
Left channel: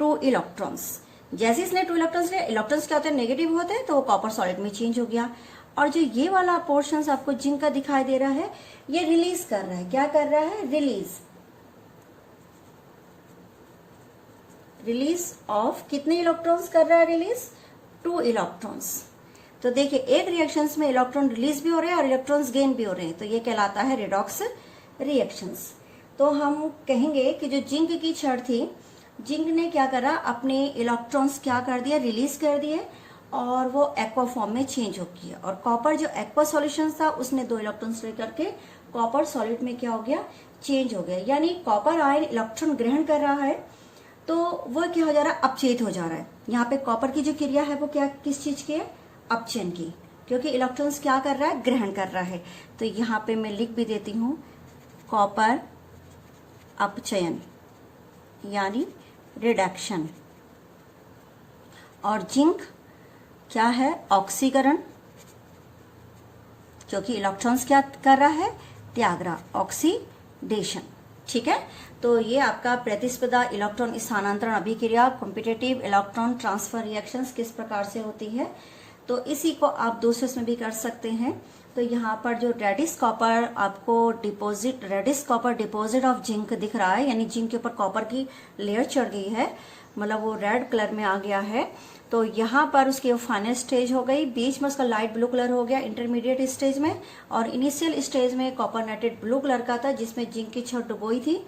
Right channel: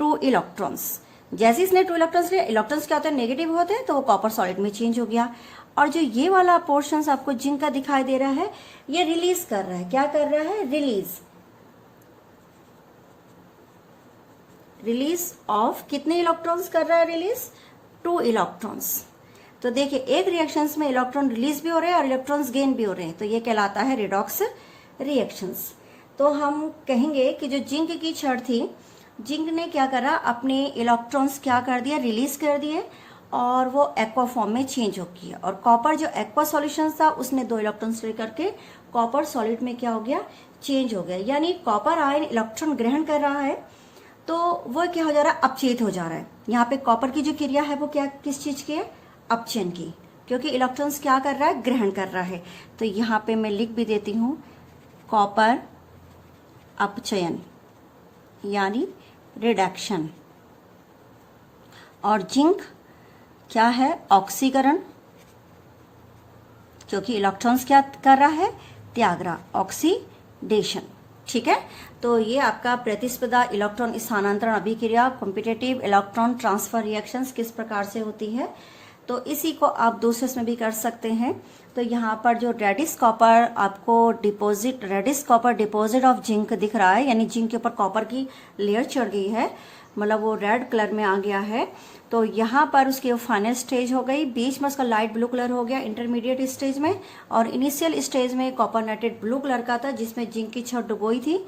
2 इलेक्ट्रॉन्स। जैसे इसने 2 इलेक्ट्रॉन्स लिए, इलेक्ट्रॉन्स क्या होते हैं, नेगेटिव होते हैं, तो वो कॉपर सॉलिड में चेंज हो गया। और जो ये वाला पोर्शन आपको जिंक का दिखाई दे रहा है, ये रिलीज कर रहा है, क्या कर रहा है, रिलीज ऑफ कितने इलेक्ट्रॉन्स कर रहा है, रिलीज 2 इलेक्ट्रॉन्स। तो देखिए एक रिएक्शंस में इलेक्ट्रॉन रिलीज भी हो रहे हैं और इलेक्ट्रॉन्स गेन भी हो रहे हैं, तो ये कहलाता है रिडॉक्स रिएक्शंस। तो हम कहेंगे कि जो जिंक की छड़ थी, जिंक ने क्या करा, अपने इलेक्ट्रॉन्स क्या कर दिया, रिलीज कर दिए, और वो एक्वा फॉर्म में चेंज हो गया। और कॉपर जो एक्वा सॉल्यूशन था, उसने 2 इलेक्ट्रॉन्स लेकर के कॉपर सॉलिड में क्या हो गया, चेंज हो गया। यानी कॉपर आयन इलेक्ट्रॉन ग्रहण कर रहा है, तो वो क्या हो जा रहा है, अपचयित हो जा रहा है। यहाँ पे कॉपर की जो क्रिया है वो क्या, किस चीज की है, अपचयन की, क्योंकि इलेक्ट्रॉन्स क्या कर रहा है, ग्रहण कर रहा है। तो यहाँ पे मैं लिख भी देती हूँ, कॉपर अपचयन यानी रिडक्शन, और जिंक क्या है, ऑक्सीकरण, क्योंकि इलेक्ट्रॉन्स क्या कर रहा है, त्याग रहा, ऑक्सीडेशन। ठीक है, तो ये आपका प्रतिस्पर्धा इलेक्ट्रॉन स्थानांतरण अभिक्रिया, कॉम्पिटिटिव इलेक्ट्रॉन ट्रांसफर रिएक्शंस किस प्रकार से होती है, तो इसी को आप दूसरे में भी कर सकते हैं। तो यहाँ पर जो रेडिश कॉपर आपको deposit, reddish copper deposit of zinc दिख रहा है, यानी जिंक के ऊपर कॉपर की लेयर चढ़ गई है, मतलब वो रेड कलर में आ गया है। तो यहाँ पर उसकी फाइनल स्टेज हो गई, बीच में उसका लाइट ब्लू कलर हो गया इंटरमीडिएट स्टेज में, और इनिशियल स्टेज में कॉपर नाइट्रेट ब्लू कलर का था जिसमें जिंक की छड़ डुबोई थी।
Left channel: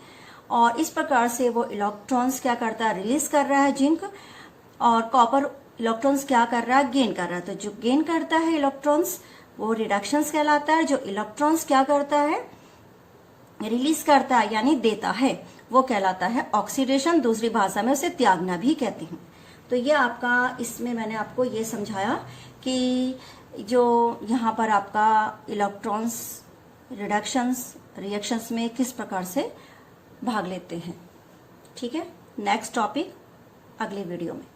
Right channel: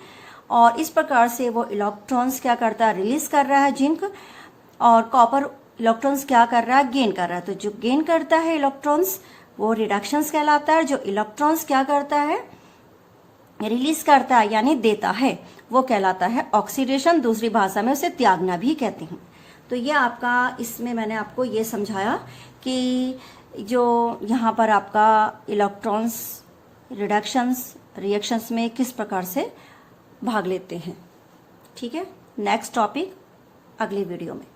और इस प्रकार से वो इलेक्ट्रॉन्स क्या करता है, रिलीज कर रहा है जिंक, और कॉपर इलेक्ट्रॉन्स क्या कर रहा है, गेन कर रहा है। तो जो गेन करता है इलेक्ट्रॉन्स वो रिडक्शंस कहलाता है, जो इलेक्ट्रॉन्स क्या करता है, रिलीज करता है यानी देता है, वो कहलाता है ऑक्सीडेशन। दूसरी भाषा में उसे त्यागना भी कहते हैं। तो ये आपका, इसमें मैंने आपको ये समझाया कि जो यहाँ पर आपका इलेक्ट्रॉन्स रिडक्शंस रिएक्शंस में किस प्रकार से भाग लेते हैं। ठीक है, नेक्स्ट टॉपिक अगली वीडियो में।